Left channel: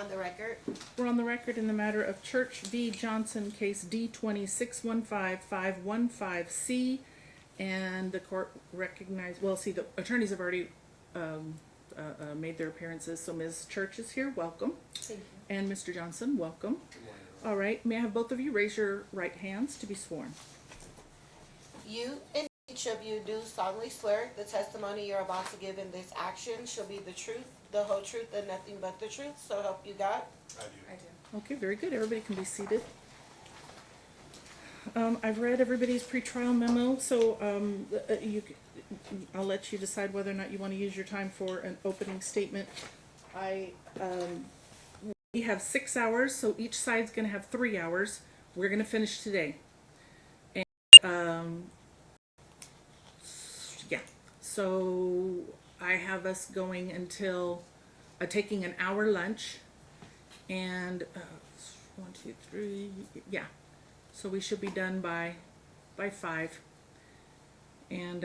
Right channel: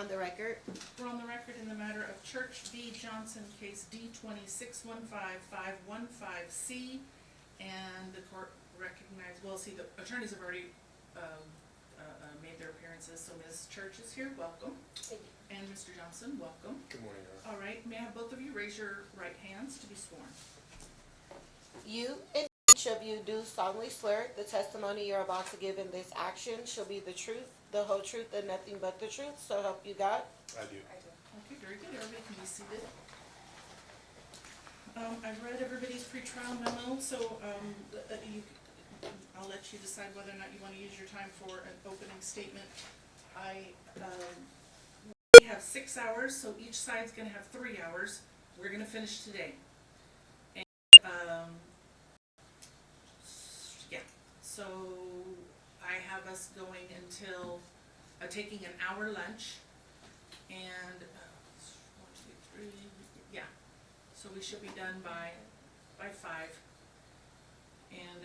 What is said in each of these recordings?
On the record. We're on the record in the matter of Church v. Johnson, case D-26-15515C, and the court recognized, well, see, the attorneys have already made their appearances, so Ms. Church is here, welcome. Thank you. And Mr. Johnson, welcome. Good morning. All right, may I have both of you raise your right hands to be sworn? You and each of you do solemnly swear the testimony you're about to give in this action shall be the truth, the whole truth, and nothing but the truth, so help you God? I do. Okay, very good. Everybody can be seated. I've read everybody's pretrial memo, so I'll let you decide whether or not you want to use your time for an opening statement. We have 6 hours, so each side's going to have 3 hours. We're going to finish today. And, yeah, so I have us going until taking an hour lunch, and 1, 2, 3, yeah. So we should be done by 5. And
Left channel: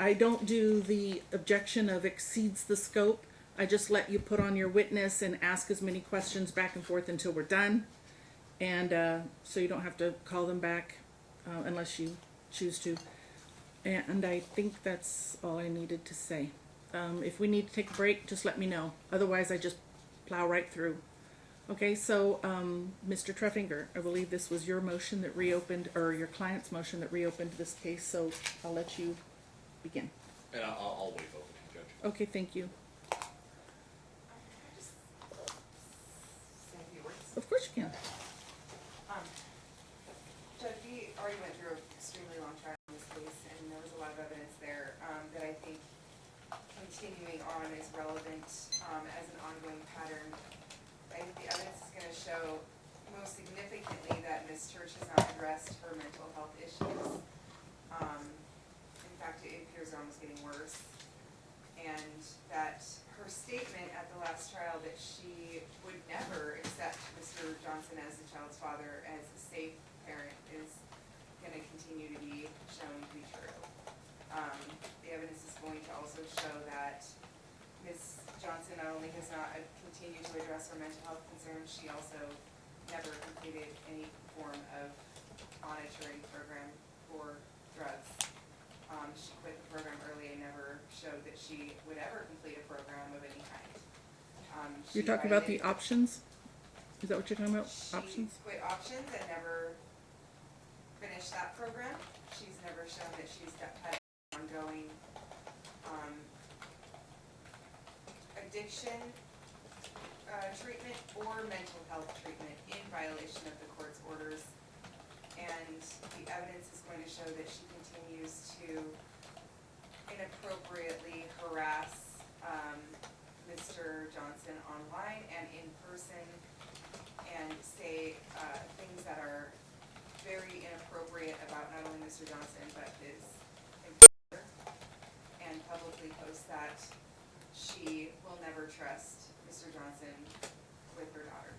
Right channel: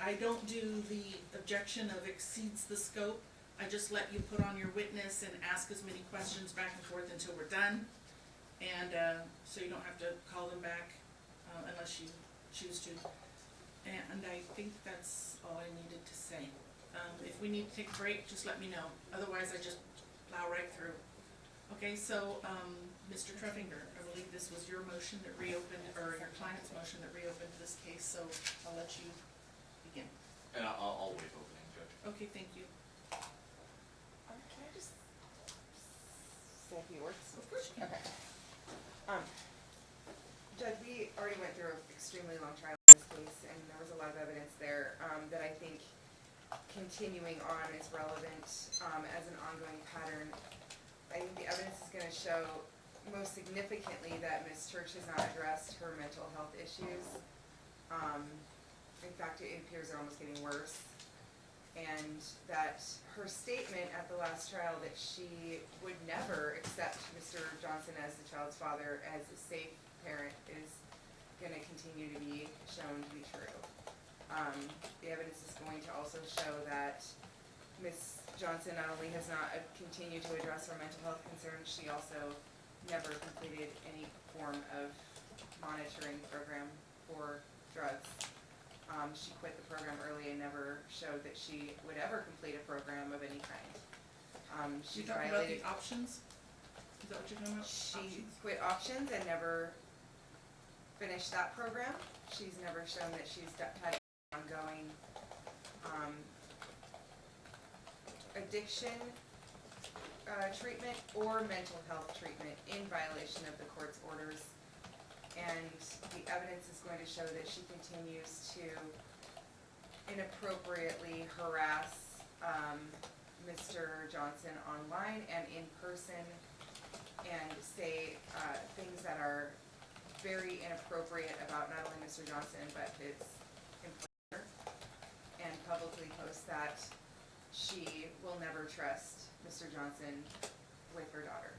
I don't do the objection of exceeds the scope. I just let you put on your witness and ask as many questions back and forth until we're done. And so you don't have to call them back unless you choose to. And I think that's all I needed to say. If we need to take a break, just let me know. Otherwise, I just plow right through. Okay, so Mr. Treffinger, I believe this was your motion that reopened, or your client's motion that reopened this case, so I'll let you begin. And I'll waive opening, Judge. Okay, thank you. Can I just say a few words? Of course you can. Judge, we already went through an extremely long trial in this case, and there was a lot of evidence there that I think continuing on is relevant as an ongoing pattern. I think the evidence is going to show most significantly that Ms. Church has not addressed her mental health issues. In fact, it appears they're almost getting worse. And that her statement at the last trial that she would never accept Mr. Johnson as the child's father as a safe parent is going to continue to be shown to be true. The evidence is going to also show that Ms. Johnson not only has not continued to address her mental health concerns, she also never completed any form of monitoring program for drugs. She quit the program early and never showed that she would ever complete a program of any kind. You're talking about the options? Is that what you're talking about? She Options? quit options and never finished that program. She's never shown that she's had ongoing addiction treatment or mental health treatment in violation of the court's orders. And the evidence is going to show that she continues to inappropriately harass Mr. Johnson online and in person, and say things that are very inappropriate about not only Mr. Johnson but his employer, and publicly post that she will never trust Mr. Johnson with her daughter.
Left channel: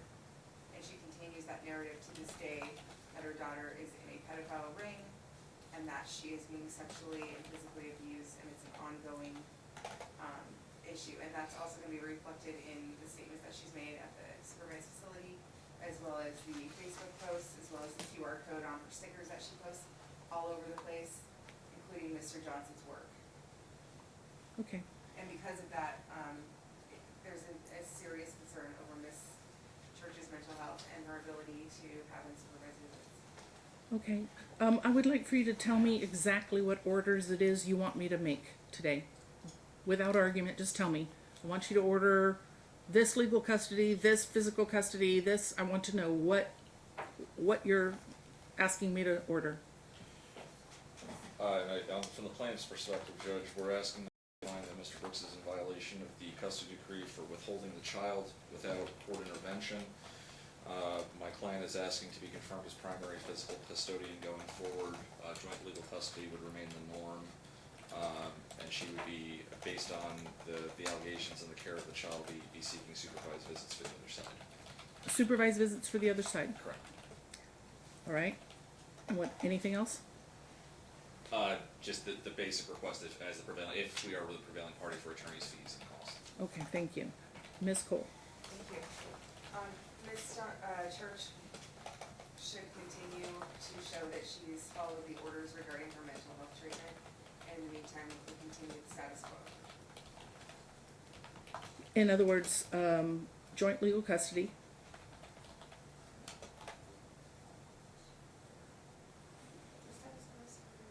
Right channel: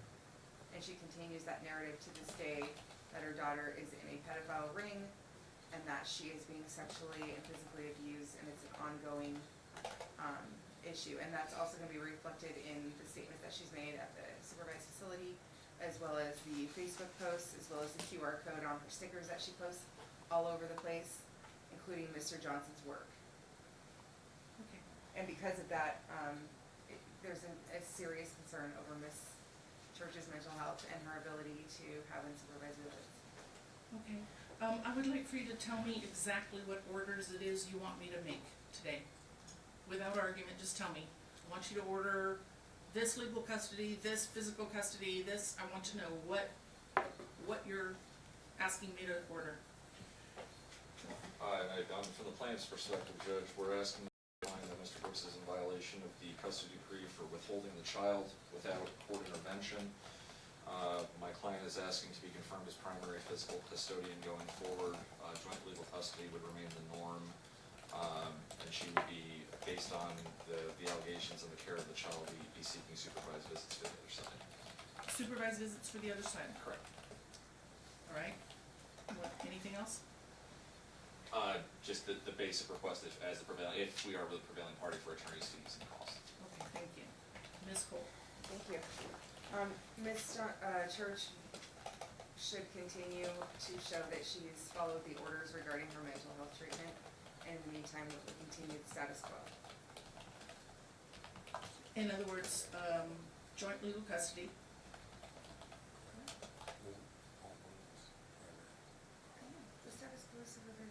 And she continues that narrative to this day, that her daughter is in a pedophile ring and that she is being sexually and physically abused, and it's an ongoing issue. And that's also going to be reflected in the statements that she's made at the supervised facility, as well as the Facebook posts, as well as the QR code on her stickers that she posts all over the place, including Mr. Johnson's work. Okay. And because of that, there's a serious concern over Ms. Church's mental health and her ability to have unsupervised visits. Okay. I would like for you to tell me exactly what orders it is you want me to make today. Without argument, just tell me. I want you to order this legal custody, this physical custody, this. I want to know what you're asking me to order. From the plaintiff's perspective, Judge, we're asking the client that Mr. Brooks is in violation of the custody decree for withholding the child without court intervention. My client is asking to be confirmed as primary physical custodian going forward. Joint legal custody would remain the norm, and she would be, based on the allegations and the care of the child, be seeking supervised visits to the other side. Supervised visits for the other side. Correct. All right. Anything else? Just the basic request if we are the prevailing party for attorney's fees and costs. Okay, thank you. Ms. Cole? Thank you. Ms. Church should continue to show that she's followed the orders regarding her mental health treatment, and in the meantime, we continue the status quo. In other words, joint legal custody. The status quo supervisor.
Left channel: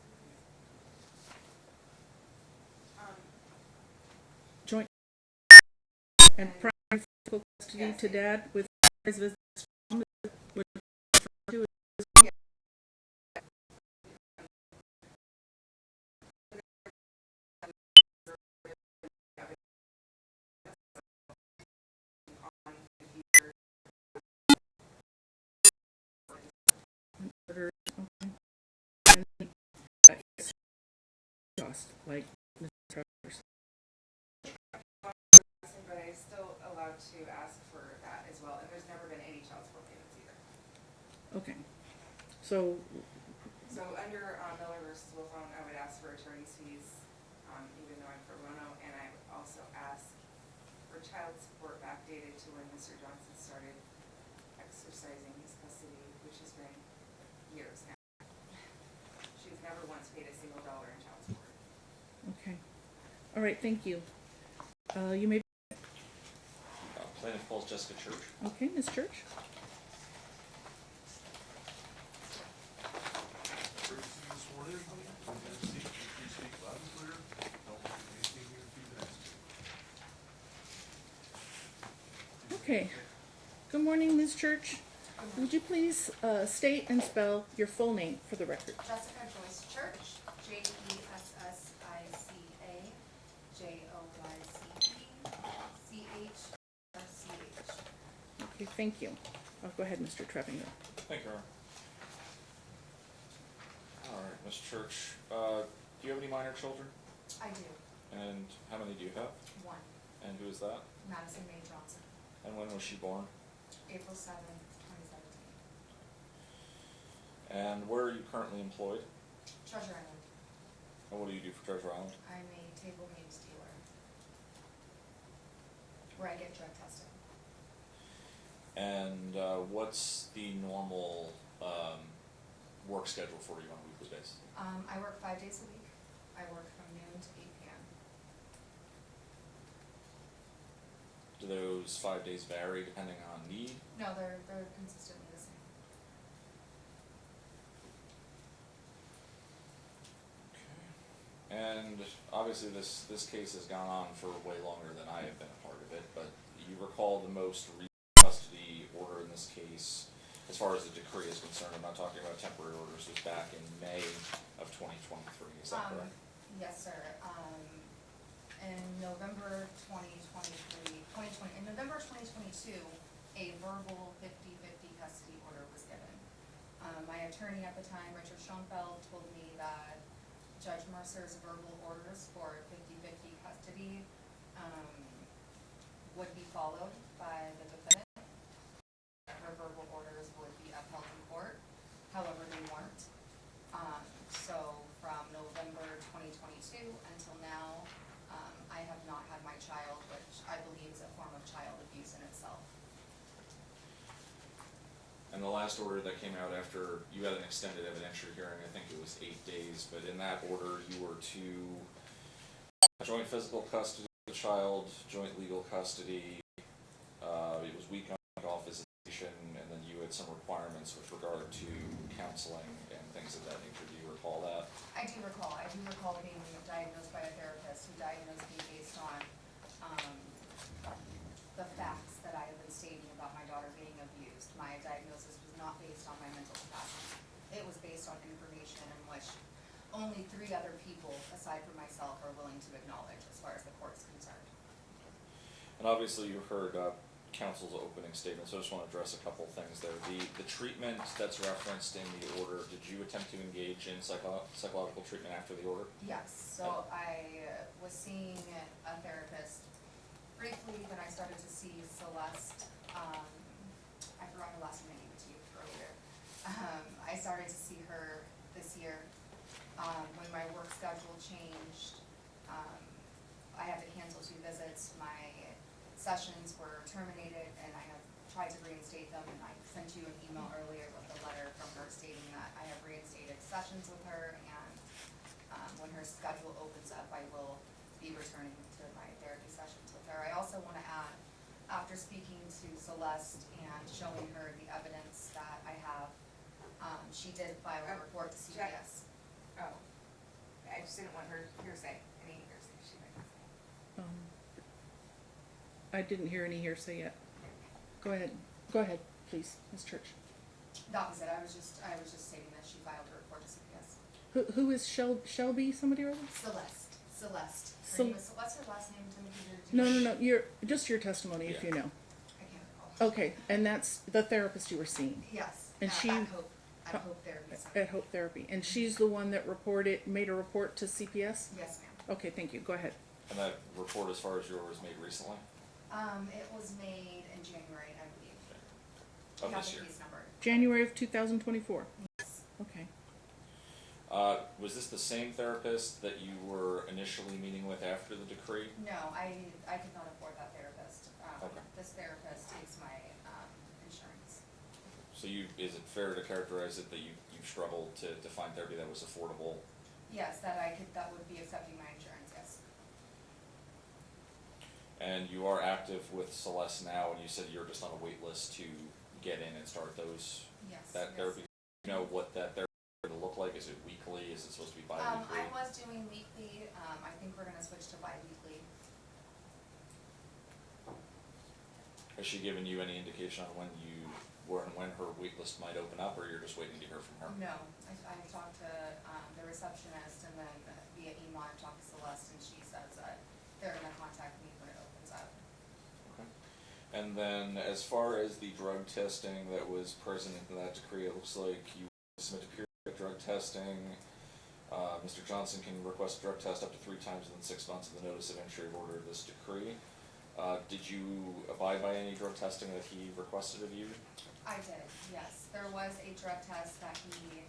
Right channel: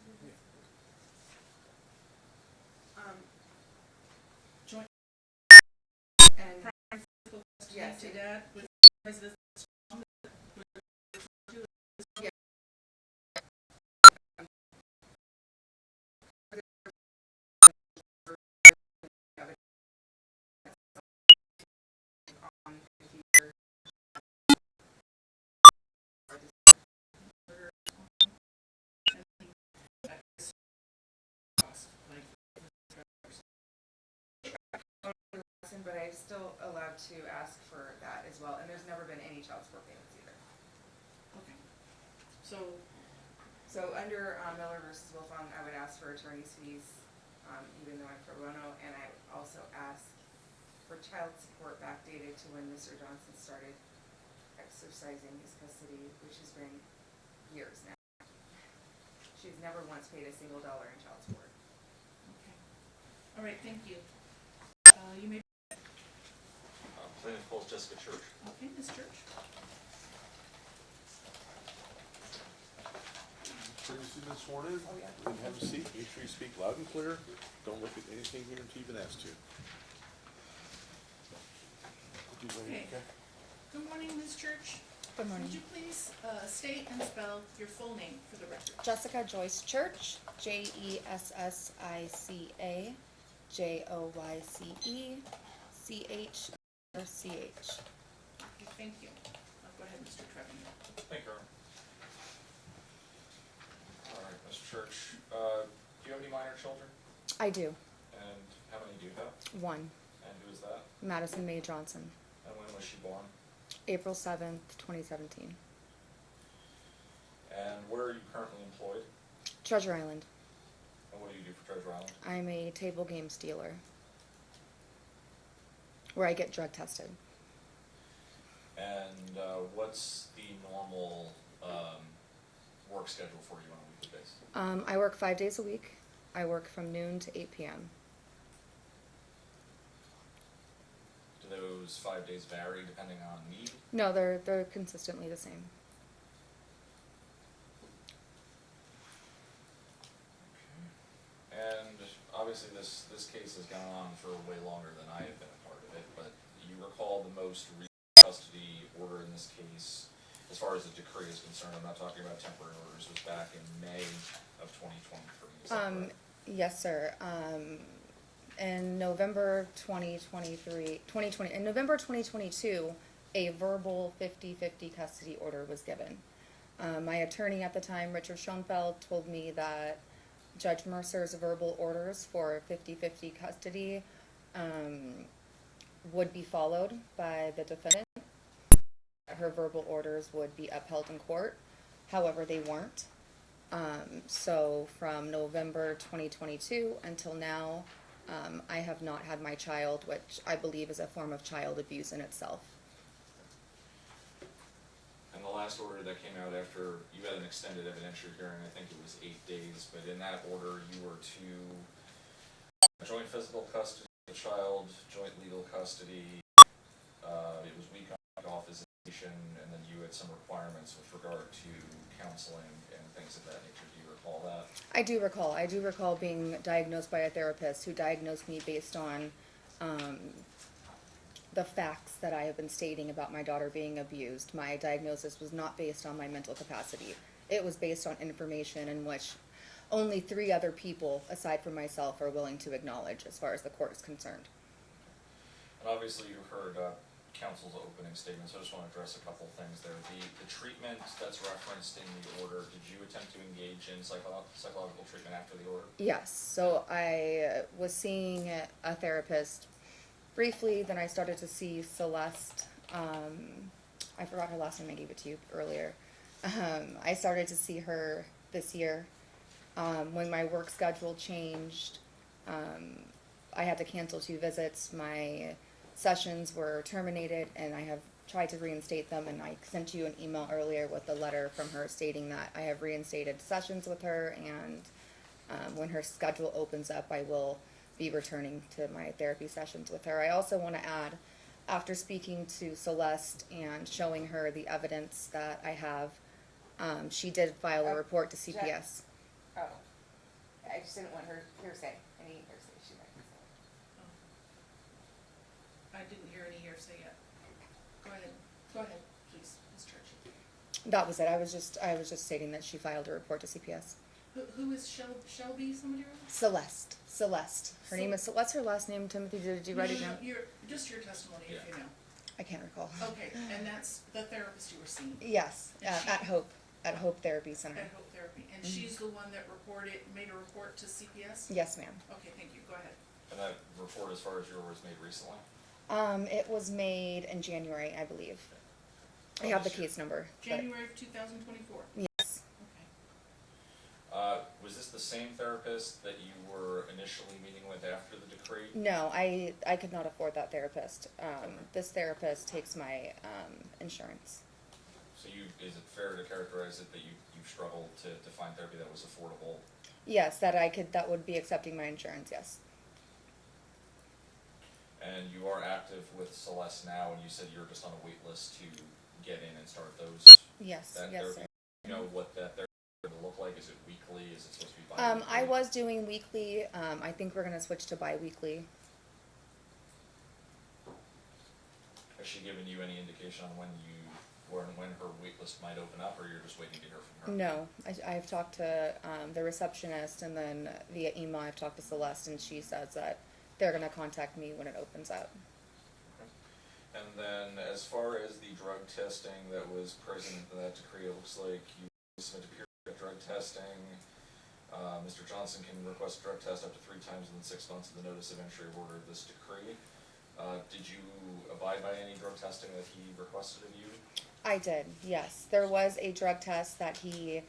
Joint and And- primary physical custody Yes. to dad with supervised visits. Like Mr. Travers. But I'm still allowed to ask for that as well, and there's never been any child support payments either. Okay, so So under Miller versus Wilfong, I would ask for attorney's fees, even though I'm pro bono, and I would also ask for child support backdated to when Mr. Johnson started exercising his custody, which has been years now. She's never once paid a single dollar in child support. okay, all right, thank you. You may. Plaintiff calls Jessica Church. Okay, Ms. Church. Before you get sworn in, and have a seat, make sure you speak loud and clear, don't look at anything here until you've been asked to. Okay. Good morning, Ms. Church. Would you please state and spell your full name for the record? Jessica Joyce Church, Jessica Joyce CH. Okay, thank you. Go ahead, Mr. Trevinger. Thank you, Aaron. All right, Ms. Church, do you have any minor children? I do. And how many do you have? One, And who is that? Madison Mae Johnson, And when was she born? April 7th, 2017. And where are you currently employed? Treasure Island. And what do you do for Treasure Island? I'm a table games dealer where I get drug tested. And what's the normal work schedule for you on a weekly basis? I work 5 days a week. I work from noon to 8 p.m. Do those 5 days vary depending on need? No, they're consistently the same. Okay. And obviously this case has gone on for way longer than I have been a part of it, but you recall the most recent custody order in this case, as far as the decree is concerned, I'm not talking about temporary orders, was back in May of 2023, is that correct? Yes, sir. In November 2022, a verbal 50-50 custody order was given. My attorney at the time, Richard Schoenfeld, told me that Judge Mercer's verbal orders for 50-50 custody would be followed by the defendant. Her verbal orders would be upheld in court. However, they weren't. So from November 2022 until now, I have not had my child, which I believe is a form of child abuse in itself. And the last order that came out after, you had an extended evidentiary hearing, I think it was 8 days, but in that order you were to joint physical custody of the child, joint legal custody, it was week on, week off visitation, and then you had some requirements with regard to counseling and things of that nature. Do you recall that? I do recall being diagnosed by a therapist who diagnosed me based on the facts that I have been stating about my daughter being abused. My diagnosis was not based on my mental capacity. It was based on information in which only 3 other people, aside from myself, are willing to acknowledge as far as the court is concerned. And obviously you heard counsel's opening statement, so I just want to address a couple things there. The treatment that's referenced in the order, did you attempt to engage in psychological treatment after the order? Yes, so I was seeing a therapist briefly, then I started to see Celeste, I forgot her last name, I gave it to you earlier. I started to see her this year. When my work schedule changed, I had to cancel 2 visits. My sessions were terminated, and I have tried to reinstate them, and I sent you an email earlier with a letter from her stating that I have reinstated sessions with her, and when her schedule opens up, I will be returning to my therapy sessions with her. I also want to add, after speaking to Celeste and showing her the evidence that I have, she did file a report to CPS. Oh, I just didn't want her hearsay, any hearsay she might say. I didn't hear any hearsay yet. Go ahead, please, Ms. Church. That was it. I was just stating that she filed a report to CPS. Who is Shelby, somebody or other? Celeste. Her name is, what's her last name, Timothy? Did you No, write it no, down? just your testimony if you know. I can't recall. Okay, and that's the therapist you were seeing Yes, And she- at Hope Therapy Center. at Hope Therapy, and she's the one that made a report to CPS? Yes, ma'am. Okay, thank you, go ahead. And that report, as far as yours, was made recently? It was made in January, I believe. I have the This year. case number. January of 2024? Yes. Okay. Was this the same therapist that you were initially meeting with after the decree? No, I could not afford that therapist. This therapist takes my insurance. So is it fair to characterize it that you struggled to find therapy that was affordable? Yes, that would be accepting my insurance, yes. And you are active with Celeste now, and you said you're just on a wait list to get in and start Yes, that yes, therapy. sir. You know what that therapy will look like? Is it weekly? Is it supposed to be bi-weekly? I was doing weekly. I think we're gonna switch to bi-weekly. Has she given you any indication on when her wait list might open up, or you're just waiting to hear from her? No, I've talked to the receptionist, and then via email I've talked to Celeste, and she says that they're gonna contact me when it opens up. And then, as far as the drug testing that was present in that decree, it looks like you submitted periodic drug testing. Mr. Johnson can request a drug test up to 3 times within 6 months of the notice of entry of order of this decree. Did you abide by any drug testing that he requested of you? I did, yes. There was a drug test that he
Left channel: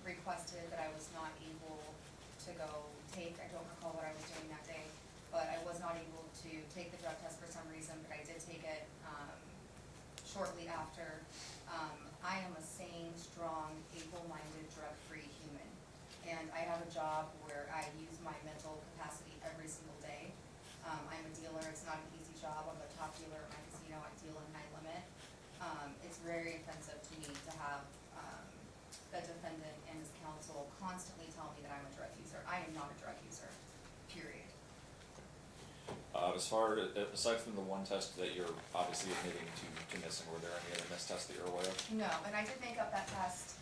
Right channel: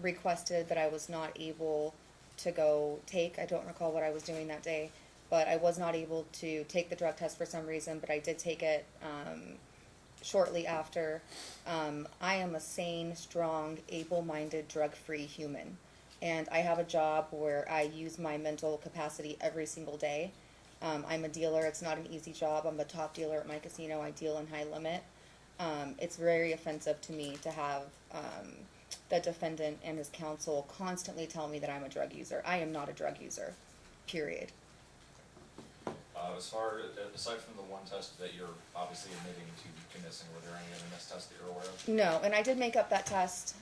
requested that I was not able to go take. I don't recall what I was doing that day, but I was not able to take the drug test for some reason, but I did take it shortly after. I am a sane, strong, able-minded, drug-free human, and I have a job where I use my mental capacity every single day. I'm a dealer. It's not an easy job. I'm the top dealer at my casino. I deal in high limit. It's very offensive to me to have the defendant and his counsel constantly tell me that I'm a drug user. I am not a drug user, period. Aside from the one test that you're obviously admitting to missing, were there any other missed tests that you're aware of? No, and I did make up that test,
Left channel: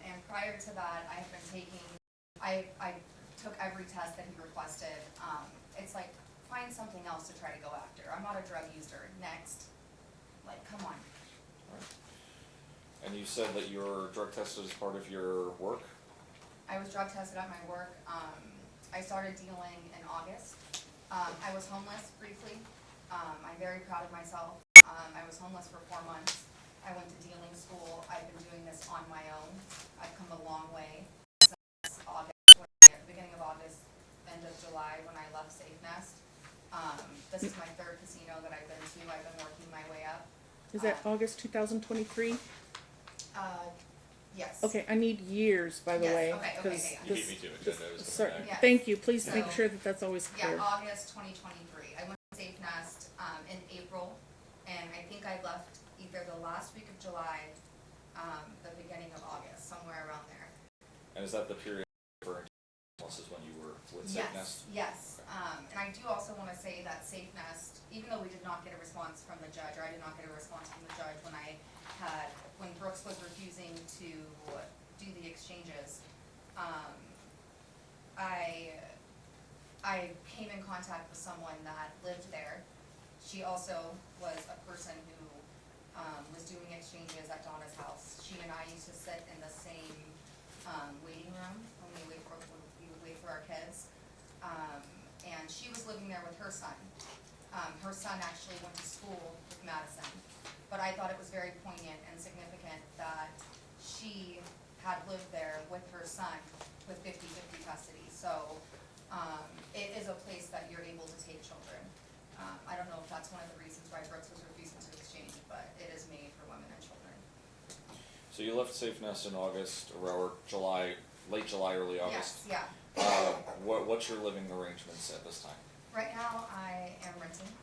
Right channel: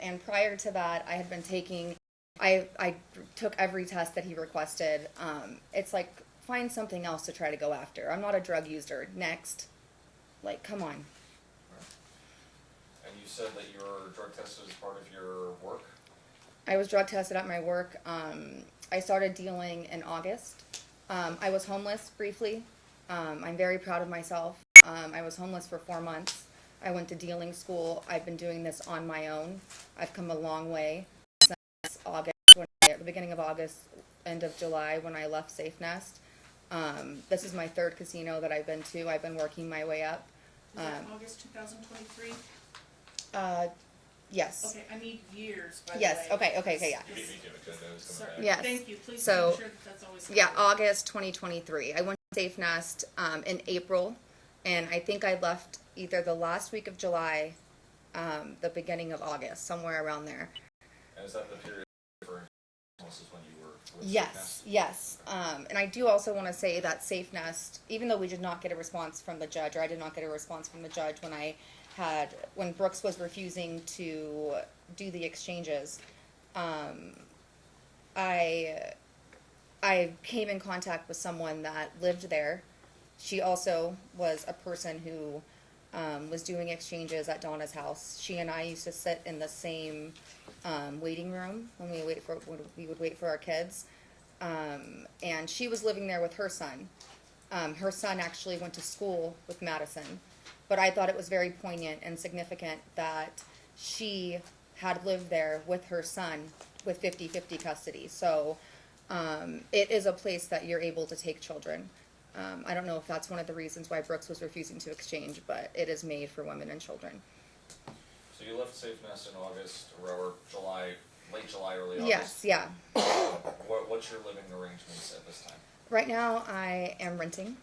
and prior to that, I had been taking, I took every test that he requested. It's like, find something else to try to go after. I'm not a drug user. Next. Like, come on. And you said that your drug test was part of your work? I was drug tested at my work. I started dealing in August. I was homeless briefly. I'm very proud of myself. I was homeless for 4 months. I went to dealing school. I've been doing this on my own. I've come a long way since August, at the beginning of August, end of July, when I left Safe Nest. This is my 3rd casino that I've been to. I've been working my way up. Is that August 2023? Yes. Okay, I need years, by the Yes, way. okay, yeah. You beat me to it, agenda is Sorry, going back. Yes. thank you, please So- make sure that that's always clear. Yeah, August 2023. I went to Safe Nest in April, and I think I left either the last week of July, the beginning of August, somewhere around there. And is that the period for is when you were with Yes, Sickness? yes. And I do also want to say that Safe Nest, even though we did not get a response from the judge, or I did not get a response from the judge when Brooks was refusing to do the exchanges, I came in contact with someone that lived there. She also was a person who was doing exchanges at Donna's house. She and I used to sit in the same waiting room when we would wait for our kids. And she was living there with her son. Her son actually went to school with Madison, but I thought it was very poignant and significant that she had lived there with her son with 50-50 custody. So It is a place that you're able to take children. I don't know if that's one of the reasons why Brooks was refusing to exchange, but it is made for women and children. So you left Safe Nest in August, or July, late July, early Yes, August? yeah. What's your living arrangements at this time? Right now, I am renting.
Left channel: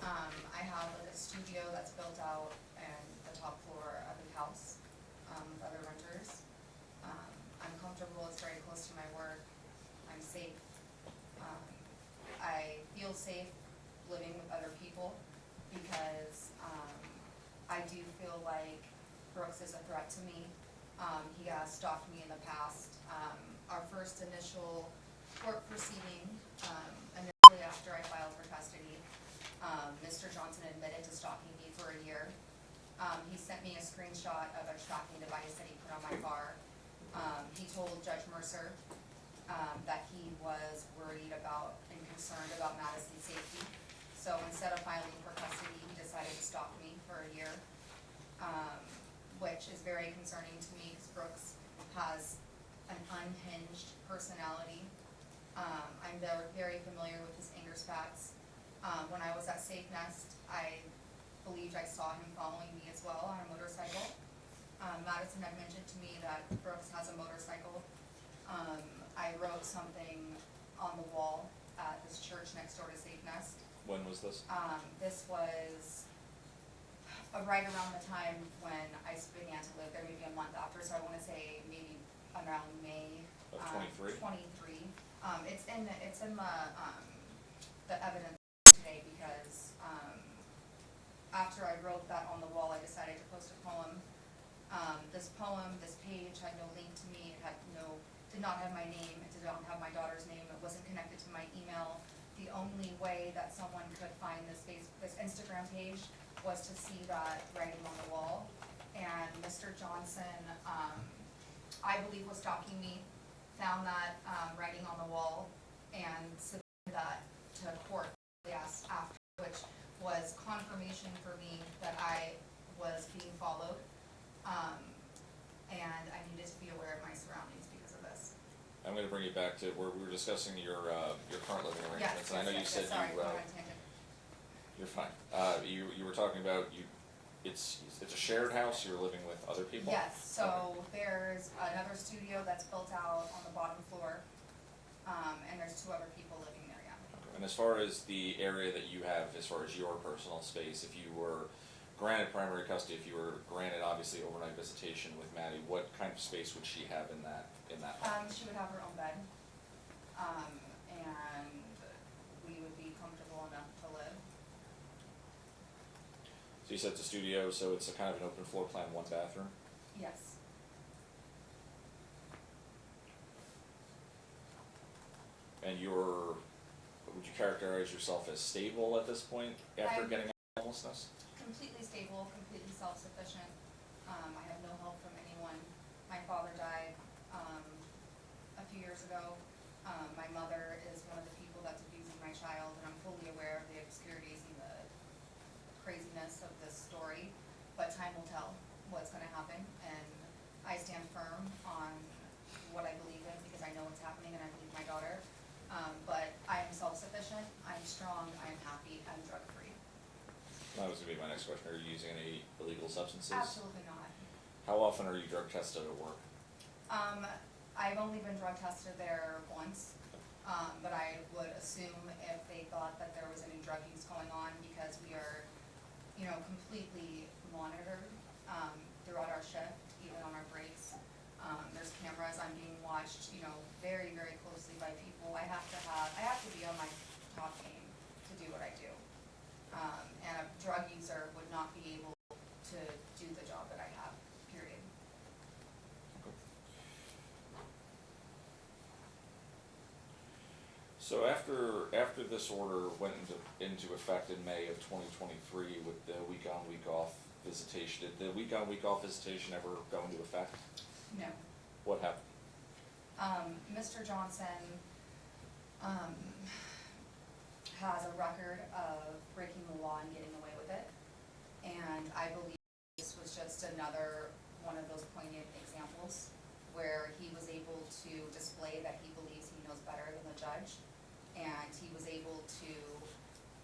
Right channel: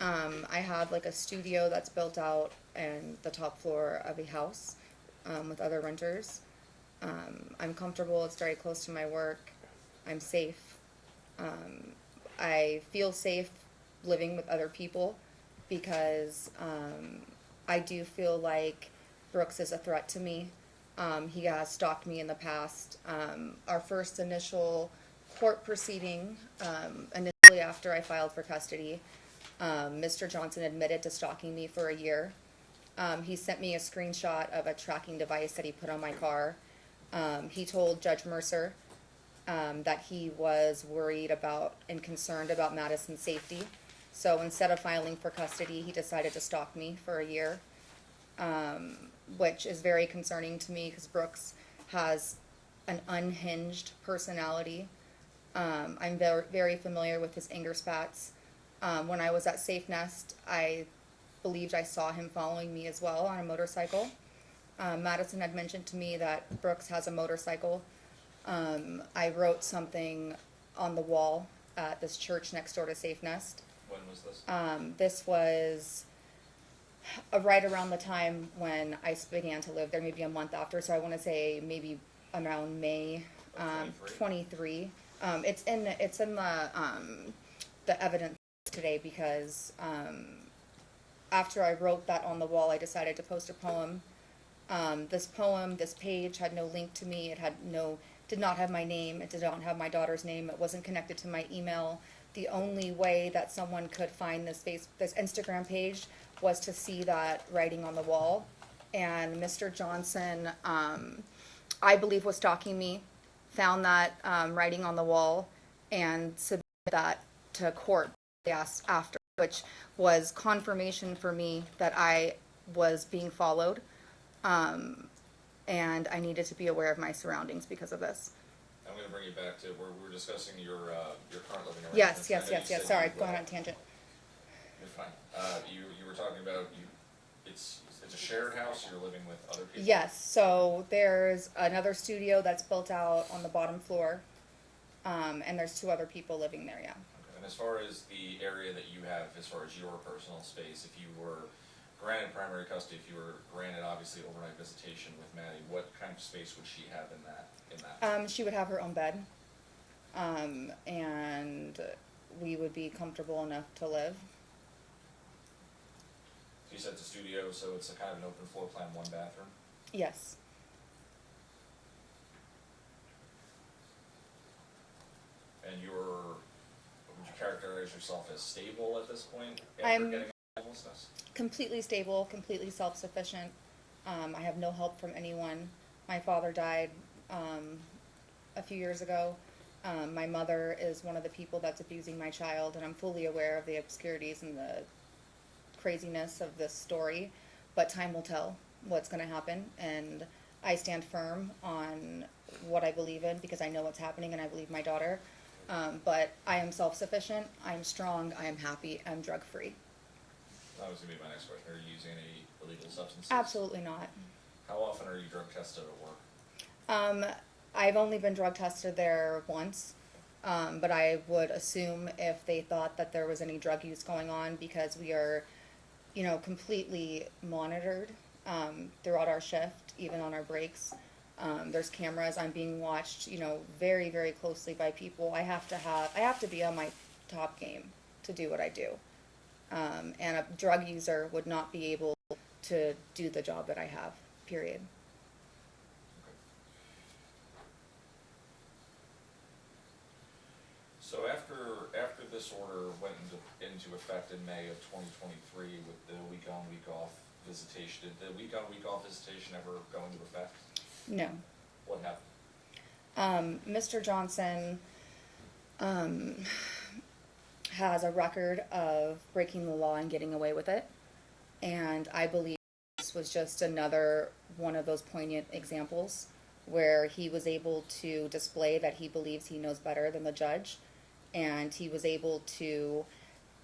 I have like a studio that's built out and the top floor of a house with other renters. I'm comfortable. It's very close to my work. I'm safe. I feel safe living with other people because I do feel like Brooks is a threat to me. He has stalked me in the past. Our first initial court proceeding, initially after I filed for custody, Mr. Johnson admitted to stalking me for a year. He sent me a screenshot of a tracking device that he put on my car. He told Judge Mercer that he was worried about and concerned about Madison's safety. So instead of filing for custody, he decided to stalk me for a year, which is very concerning to me because Brooks has an unhinged personality. I'm very, very familiar with his anger spats. When I was at Safe Nest, I believed I saw him following me as well on a motorcycle. Madison had mentioned to me that Brooks has a motorcycle. I wrote something on the wall at this church next door to Safe Nest. When was this? This was right around the time when I began to live there, maybe a month after. So I want to say maybe around May Of 23. It's in the evidence today because after I wrote that on the wall, I decided to post a poem. This page had no link to me. It did not have my name. It did not have my daughter's name. It wasn't connected to my email. The only way that someone could find this Instagram page was to see that writing on the wall. And Mr. Johnson, I believe, was stalking me, found that writing on the wall, and submitted that to court after, which was confirmation for me that I was being followed. And I needed to be aware of my surroundings because of this. I'm gonna bring you back to where we were discussing your current living arrangements. Yes, I know you said sorry, you, going on a tangent. You're fine. You were talking about it's a shared house, you're living with other people? Yes, so there's another studio that's built out on the bottom floor, and there's 2 other people living there, yeah. And as far as the area that you have, as far as your personal space, if you were granted primary custody, if you were granted obviously overnight visitation with Maddie, what kind of space would she have in that? She would have her own bed, and we would be comfortable enough to live. So you said it's a studio, so it's a kind of an open floor plan, 1 bathroom? Yes. And would you characterize yourself as stable at this point after I'm getting out of homelessness? Completely stable, completely self-sufficient. I have no help from anyone. My father died a few years ago. My mother is one of the people that's abusing my child, and I'm fully aware of the obscurities and the craziness of this story, but time will tell what's going to happen, and I stand firm on what I believe in because I know what's happening and I believe my daughter. But I am self-sufficient, I'm strong, I am happy, I'm drug-free. That was going to be my next question. Are you using any illegal substances? Absolutely not. How often are you drug tested at work? I've only been drug tested there once, but I would assume if they thought that there was any drug use going on, because we are, completely monitored throughout our shift, even on our breaks. There's cameras. I'm being watched, very, very closely by people. I have to be on my top game to do what I do. And a drug user would not be able to do the job that I have, period. So after this order went into effect in May of 2023 with the week on, week off visitation, did the week on, week off visitation ever go into effect? No. What happened? Mr. Johnson has a record of breaking the law and getting away with it, and I believe this was just another one of those poignant examples. where he was able to display that he believes he knows better than the judge, and he was able to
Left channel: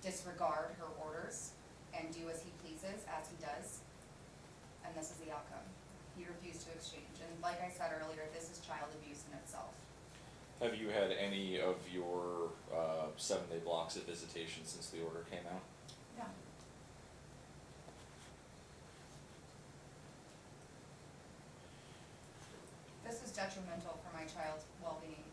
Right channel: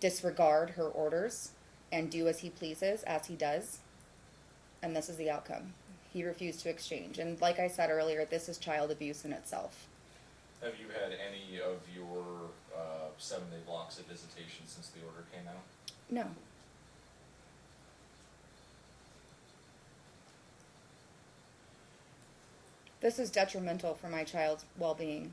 disregard her orders and do as he pleases, as he does, and this is the outcome. He refused to exchange, and like I said earlier, this is child abuse in itself. Have you had any of your 7-day blocks of visitation since the order came out? No. This is detrimental for my child's well-being.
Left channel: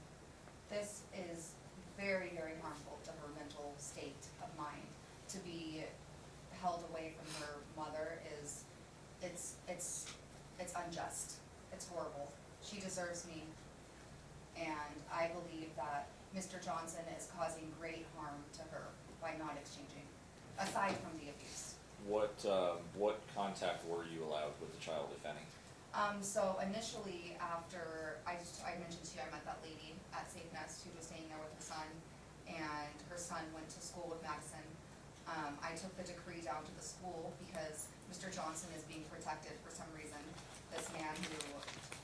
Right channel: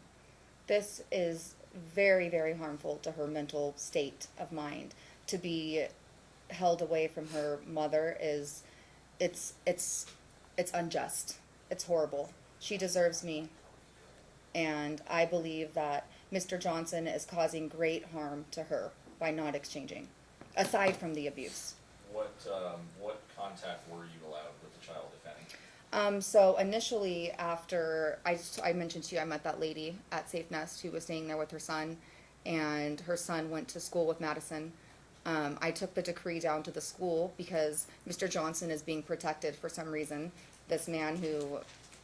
This is very, very harmful to her mental state of mind. To be held away from her mother is, it's unjust. It's horrible. She deserves me. And I believe that Mr. Johnson is causing great harm to her by not exchanging, aside from the abuse. What contact were you allowed with the child, if any? So initially, after I mentioned to you, I met that lady at Safe Nest who was staying there with her son, and her son went to school with Madison. I took the decree down to the school because Mr. Johnson is being protected for some reason. This man who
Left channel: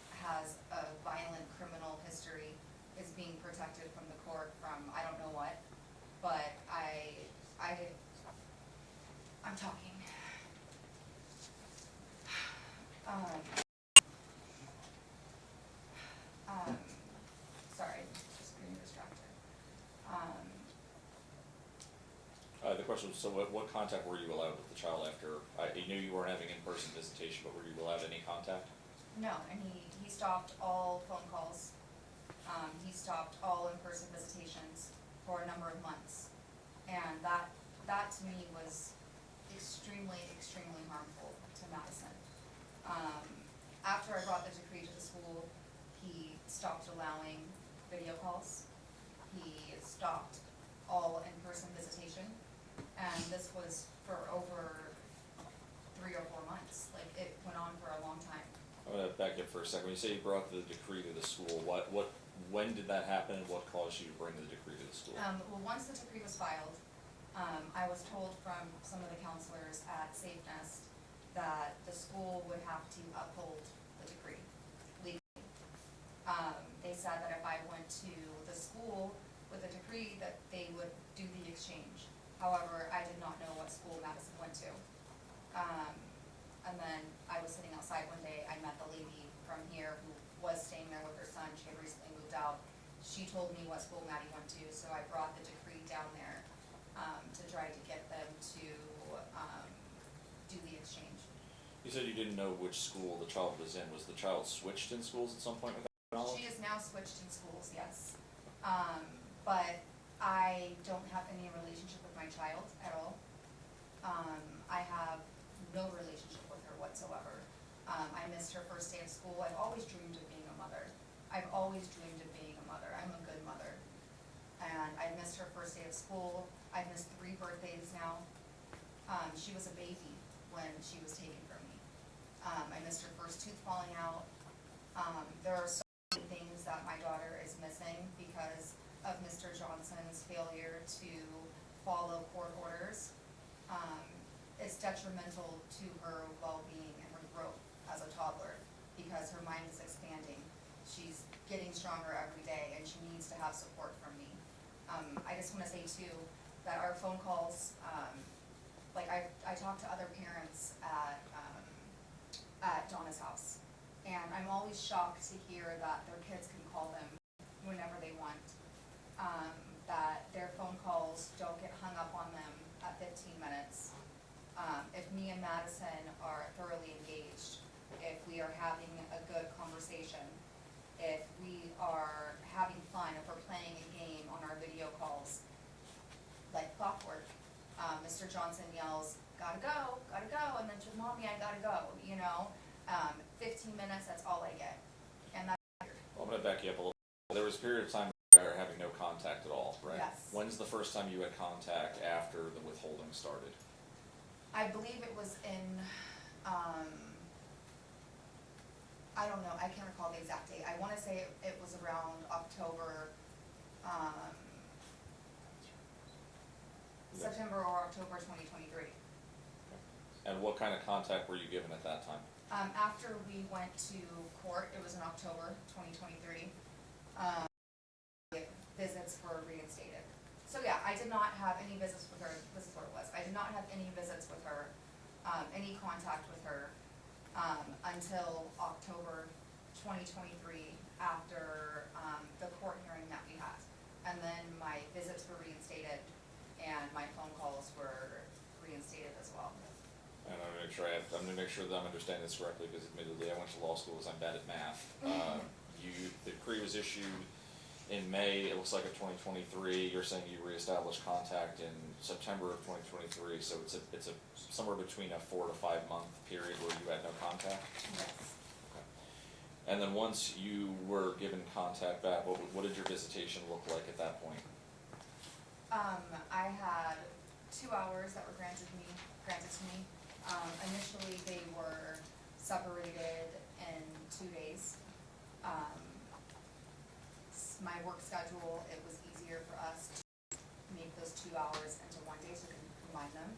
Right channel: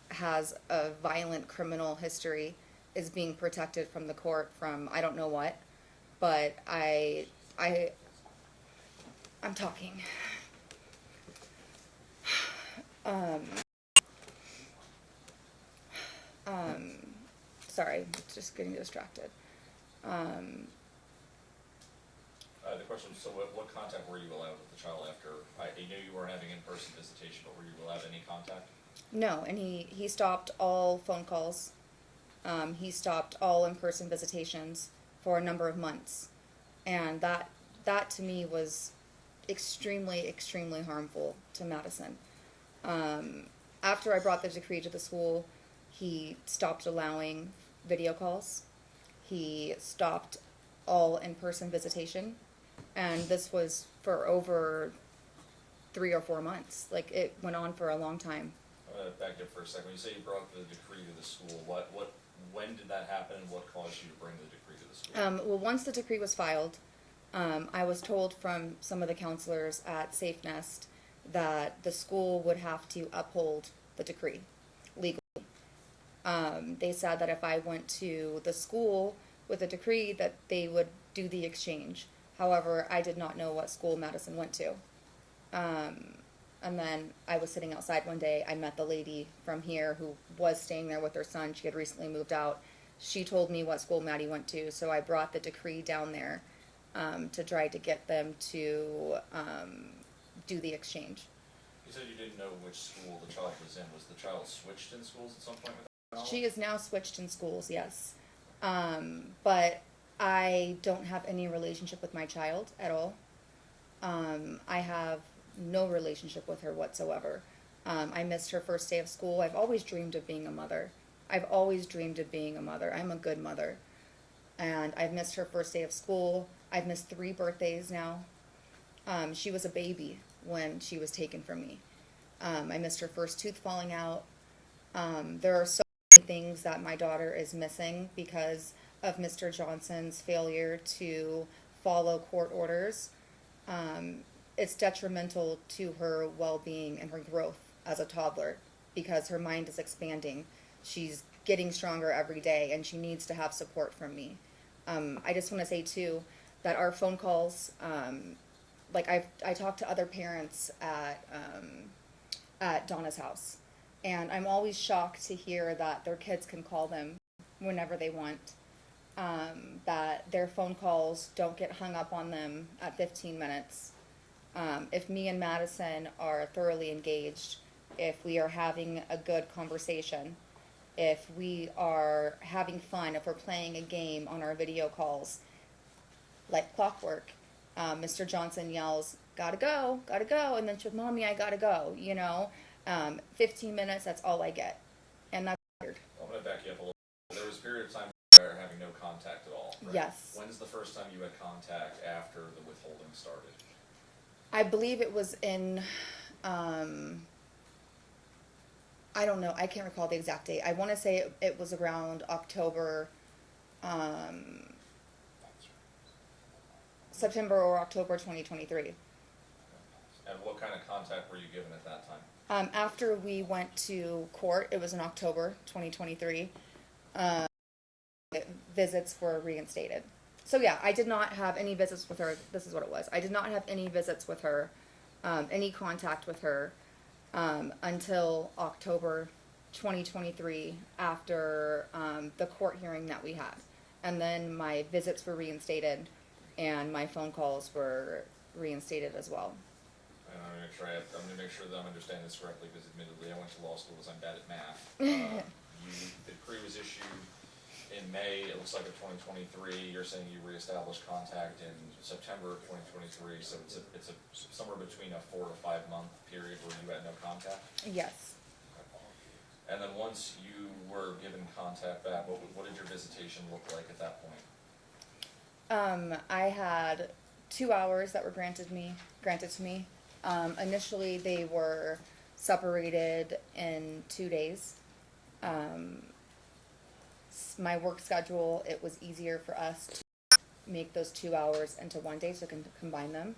has a violent criminal history is being protected from the court from I don't know what, but I'm talking. Sorry, just getting distracted. The question was, so what contact were you allowed with the child after? I knew you weren't having in-person visitation, but were you allowed any contact? No, and he stopped all phone calls. He stopped all in-person visitations for a number of months, and that to me was extremely, extremely harmful to Madison. After I brought the decree to the school, he stopped allowing video calls. He stopped all in-person visitation, and this was for over 3 or 4 months. Like, it went on for a long time. I'm gonna back up for a second. When you say you brought the decree to the school, when did that happen, and what caused you to bring the decree to the school? Well, once the decree was filed, I was told from some of the counselors at Safe Nest that the school would have to uphold the decree legally. They said that if I went to the school with a decree that they would do the exchange. However, I did not know what school Madison went to. And then I was sitting outside one day, I met the lady from here who was staying there with her son. She had recently moved out. She told me what school Maddie went to, so I brought the decree down there to try to get them to do the exchange. You said you didn't know which school the child was in. Was the child switched in schools at some point with that knowledge? She is now switched in schools, yes. But I don't have any relationship with my child at all. I have no relationship with her whatsoever. I missed her first day of school. I've always dreamed of being a mother. I've always dreamed of being a mother. I'm a good mother. And I've missed her first day of school. I've missed 3 birthdays now. She was a baby when she was taken from me. I missed her first tooth falling out. There are so many things that my daughter is missing because of Mr. Johnson's failure to follow court orders. It's detrimental to her well-being and her growth as a toddler because her mind is expanding. She's getting stronger every day, and she needs to have support from me. I just want to say too that our phone calls, like I talk to other parents at Donna's house, and I'm always shocked to hear that their kids can call them whenever they want. That their phone calls don't get hung up on them at 15 minutes. If me and Madison are thoroughly engaged, if we are having a good conversation, if we are having fun, if we're playing a game on our video calls, like clockwork, Mr. Johnson yells, gotta go, and then she's, Mommy, I gotta go, 15 minutes, that's all I get. And that's weird. I'm gonna back you up a little. There was a period of time where you were having no contact at all, right? Yes. When's the first time you had contact after the withholding started? I believe it was in, I don't know, I can't recall the exact date. I want to say it was around October, September or October 2023. And what kind of contact were you given at that time? After we went to court, it was in October 2023, visits were reinstated. So yeah, I did not have any visits with her. This is what it was. I did not have any visits with her, any contact with her, until October 2023 after the court hearing that we had. And then my visits were reinstated and my phone calls were reinstated as well. And I'm gonna make sure that I'm understanding this correctly, because admittedly, I went to law school, so I'm bad at math. The decree was issued in May, it looks like of 2023, you're saying you reestablished contact in September of 2023, so it's somewhere between a 4 to 5 month period where you had no contact? Yes. And then once you were given contact back, what did your visitation look like at that point? I had 2 hours that were granted to me. Initially, they were separated in 2 days. My work schedule, it was easier for us to make those 2 hours into 1 day, so we can combine them,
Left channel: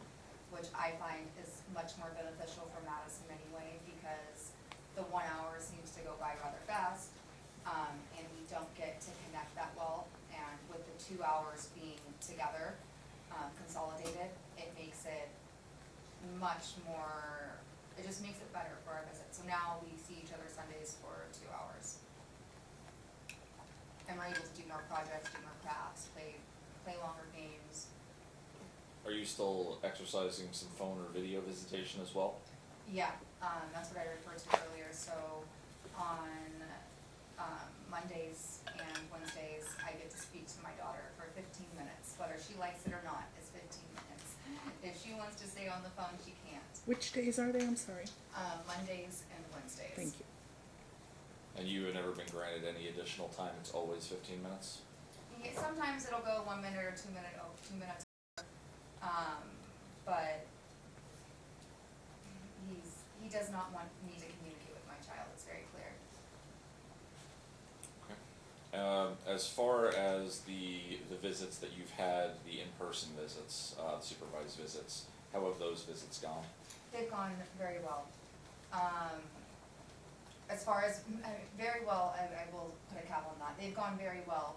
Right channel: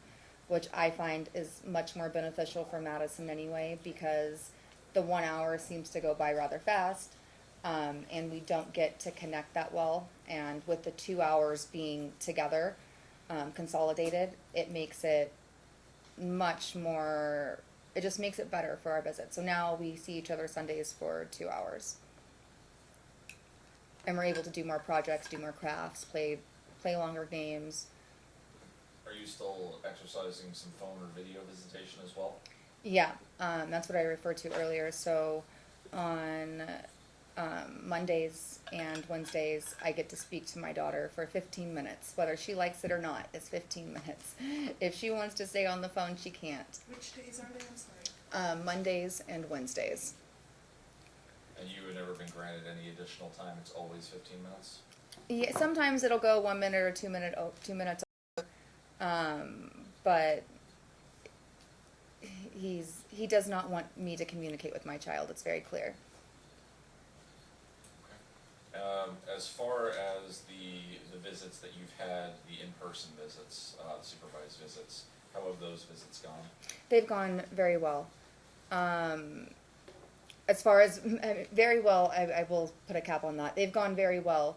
which I find is much more beneficial for Madison anyway, because the 1 hour seems to go by rather fast, and we don't get to connect that well. And with the 2 hours being together, consolidated, it makes it much more, it just makes it better for our visit. So now we see each other Sundays for 2 hours. And we're able to do more projects, do more crafts, play longer games. Are you still exercising some phone or video visitation as well? Yeah, that's what I referred to earlier. So on Mondays and Wednesdays, I get to speak to my daughter for 15 minutes. Whether she likes it or not, it's 15 minutes. If she wants to stay on the phone, she can't. Which days are they? I'm sorry. Mondays and Wednesdays. Thank you. And you have never been granted any additional time, it's always 15 minutes? Yeah, sometimes it'll go 1 minute or 2 minutes over. But he does not want me to communicate with my child. It's very clear. Okay. As far as the visits that you've had, the in-person visits, supervised visits, how have those visits gone? They've gone very well. As far as very well, I will put a cap on that. They've gone very well,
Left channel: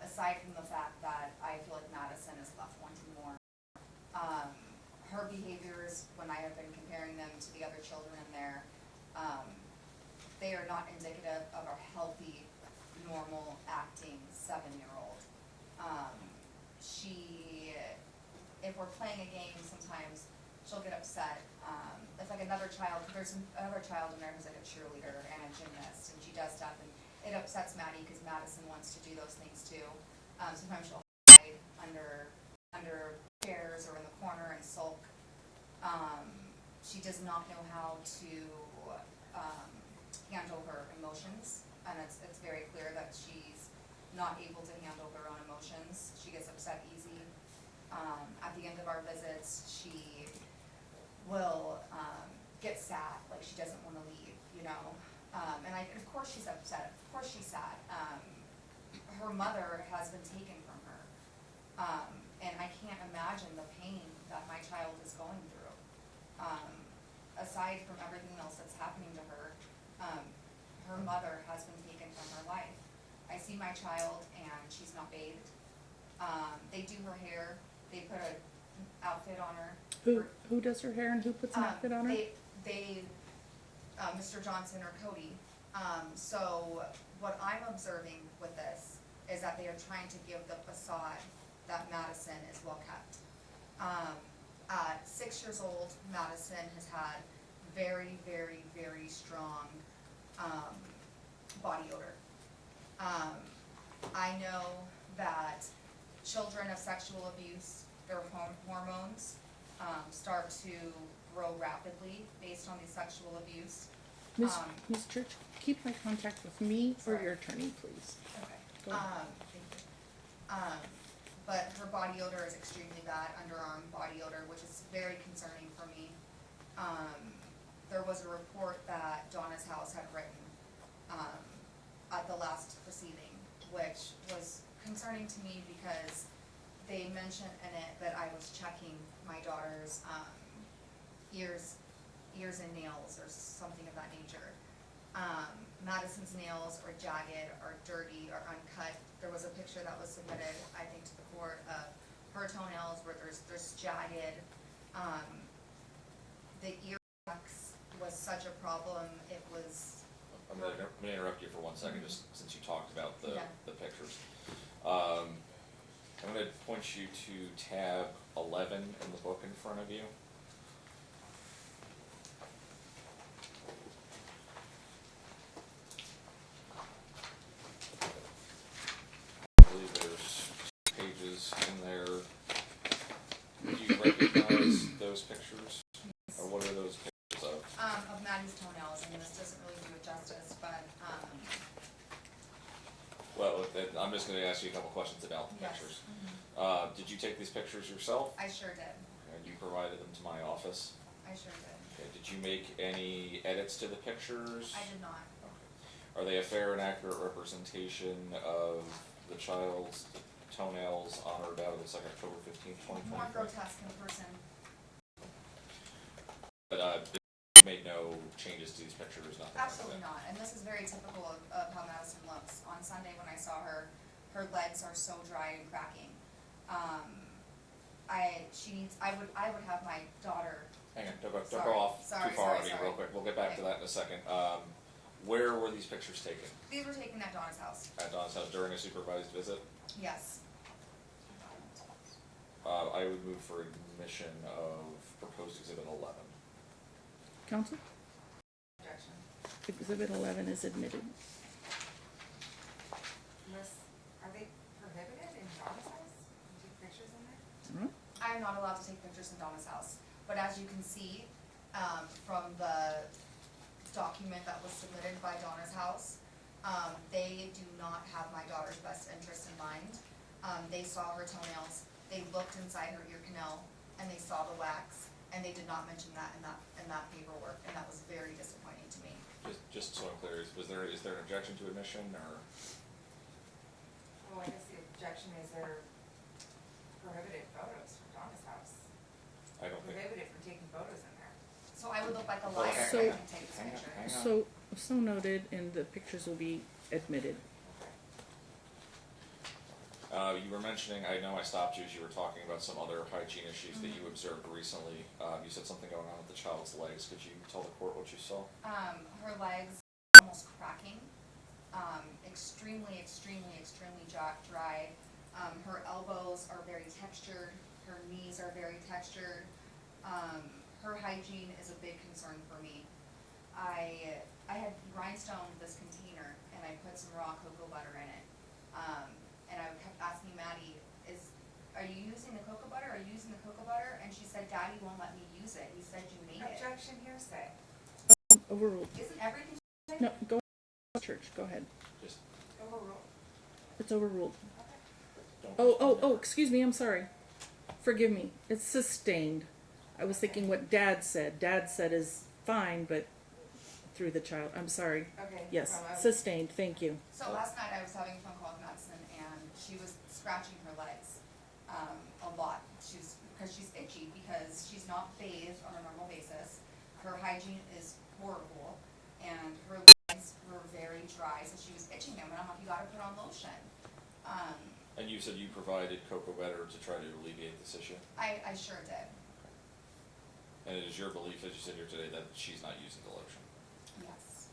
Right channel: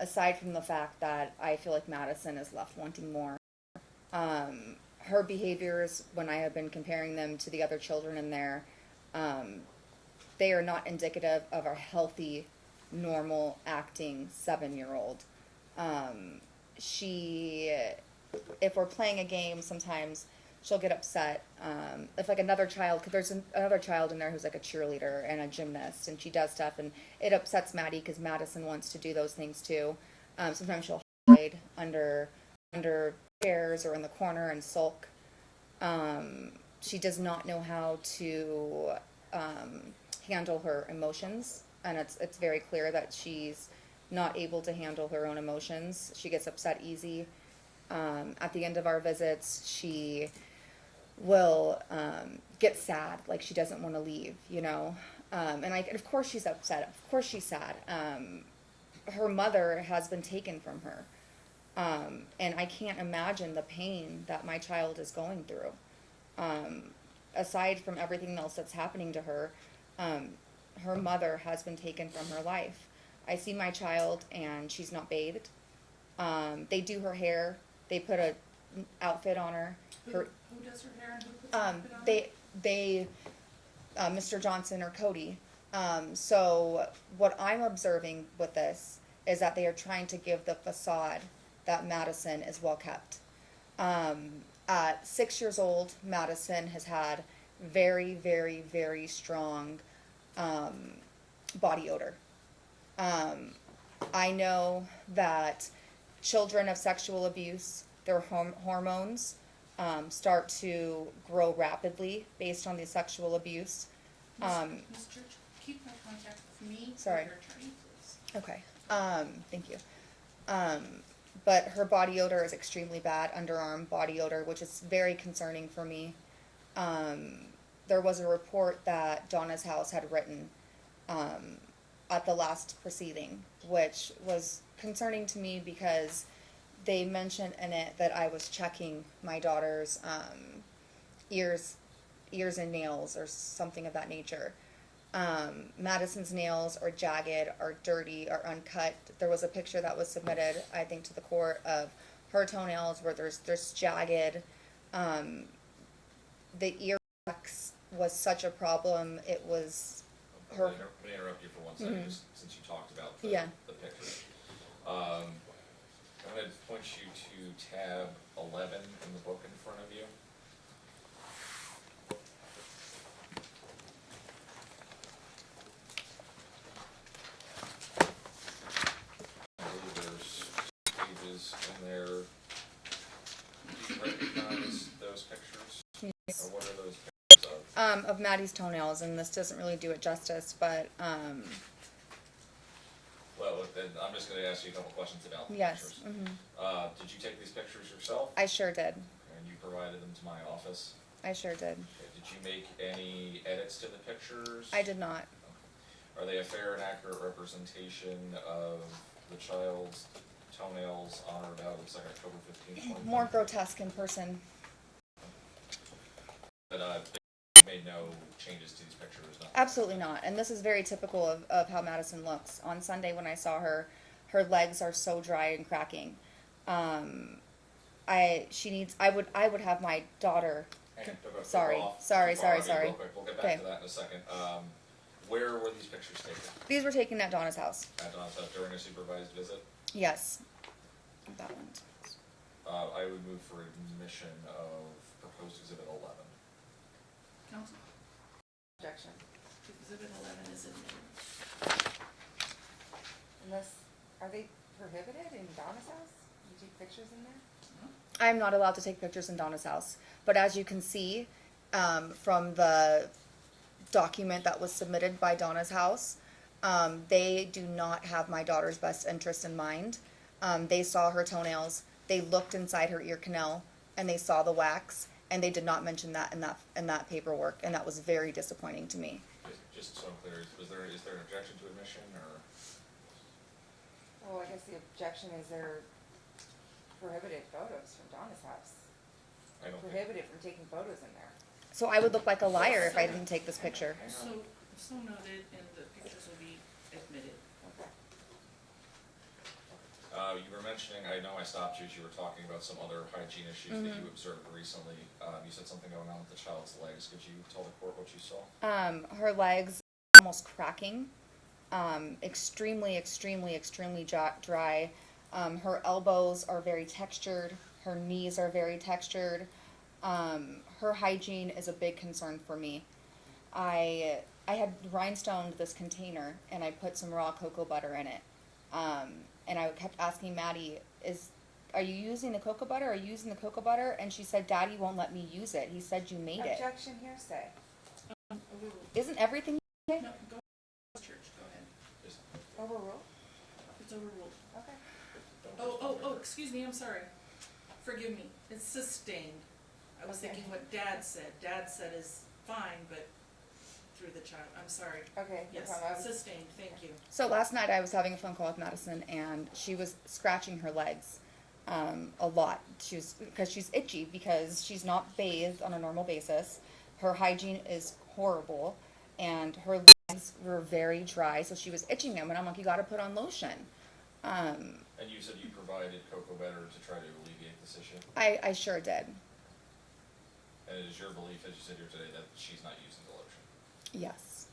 aside from the fact that I feel like Madison is left wanting more. Her behaviors, when I have been comparing them to the other children in there, they are not indicative of a healthy, normal acting 7-year-old. If we're playing a game, sometimes she'll get upset. If like another child, cause there's another child in there who's like a cheerleader and a gymnast, and she does stuff, and it upsets Maddie because Madison wants to do those things too. Sometimes she'll hide under chairs or in the corner and sulk. She does not know how to handle her emotions, and it's very clear that she's not able to handle her own emotions. She gets upset easy. At the end of our visits, she will get sad, like she doesn't want to leave, you know. And of course she's upset. Of course she's sad. Her mother has been taken from her. And I can't imagine the pain that my child is going through. Aside from everything else that's happening to her, her mother has been taken from her life. I see my child and she's not bathed. They do her hair. They put a outfit on her. Who does her hair and who puts an outfit on her? They Mr. Johnson or Cody. So what I'm observing with this is that they are trying to give the facade that Madison is well kept. At 6 years old, Madison has had very, very, very strong body odor. I know that children of sexual abuse, their hormones start to grow rapidly based on the sexual abuse. Ms. Church, keep my contact with me or your attorney, please. Okay. Thank you. But her body odor is extremely bad, underarm body odor, which is very concerning for me. There was a report that Donna's house had written at the last proceeding, which was concerning to me because they mentioned in it that I was checking my daughter's ears and nails or something of that nature. Madison's nails are jagged, are dirty, are uncut. There was a picture that was submitted, I think, to the court of her toenails where there's jagged. The ear wax was such a problem. It was I'm her. gonna interrupt you for 1 second, just since you talked about the, Yeah. the pictures. I'm gonna point you to tab 11 in the book in front of you. I believe there's pages in there. Do you recognize those pictures? Or what are those pictures of? Of Maddie's toenails, and this doesn't really do it justice, but Well, then I'm just gonna ask you a couple questions about the yes, pictures. Did you take these pictures yourself? I sure did. And you provided them to my office? I sure did. Okay. Did you make any edits to the pictures? I did not. Okay. Are they a fair and accurate representation of the child's toenails on or about the second October 15th, 2010? More grotesque in person. But they made no changes to these pictures, nothing? Absolutely not. And this is very typical of how Madison looks. On Sunday when I saw her, her legs are so dry and cracking. I would have my daughter. Hang on, don't Sorry. go off Sorry, too far. sorry, sorry. Real quick, we'll get back Okay. to that in a second. Where were these pictures taken? These were taken at Donna's house. At Don's house during a supervised visit? Yes. I would move for admission of proposed exhibit 11. Counsel? Objection. Exhibit 11 is admitted. Unless, are they prohibited in Donna's house? You do pictures in there? I'm not allowed to take pictures in Donna's house. But as you can see, from the document that was submitted by Donna's house, they do not have my daughter's best interest in mind. They saw her toenails, they looked inside her ear canal, and they saw the wax, and they did not mention that in that paperwork, and that was very disappointing to me. Just so I'm clear, is there an objection to admission, or? Well, I guess the objection is they're prohibited photos from Donna's house. I don't think. Prohibited from taking photos in there. So I would look like a liar if I So- didn't take this picture. Hang on. So noted, and the pictures will be admitted. Okay. You were mentioning, I know I stopped you as you were talking about some other hygiene issues that you observed recently. You said something going on with the child's legs. Could you tell the court what you saw? Her legs almost cracking, extremely, extremely, extremely dry. Her elbows are very textured. Her knees are very textured. Her hygiene is a big concern for me. I had rhinestoned this container and I put some raw cocoa butter in it. And I kept asking Maddie, are you using the cocoa butter? Are you using the cocoa butter? And she said, Daddy won't let me use it. He said you made it. Objection, hearsay. Overruled. Isn't everything? No, go church, go ahead. Just, Overruled. It's overruled. Okay. Oh, excuse me, I'm sorry. Forgive me. It's sustained. I was thinking what Dad said. Dad said is fine, but through the child. I'm sorry. Okay. Yes, no problem. sustained, thank you. So last night I was having a phone call with Madison and she was scratching her legs a lot. Because she's itchy because she's not bathed on a normal basis. Her hygiene is horrible and her legs were very dry, so she was itching them and I'm like, you gotta put on lotion. and you said you provided cocoa butter to try to alleviate this issue? I sure did. And it is your belief, as you said here today, that she's not using the lotion? Yes.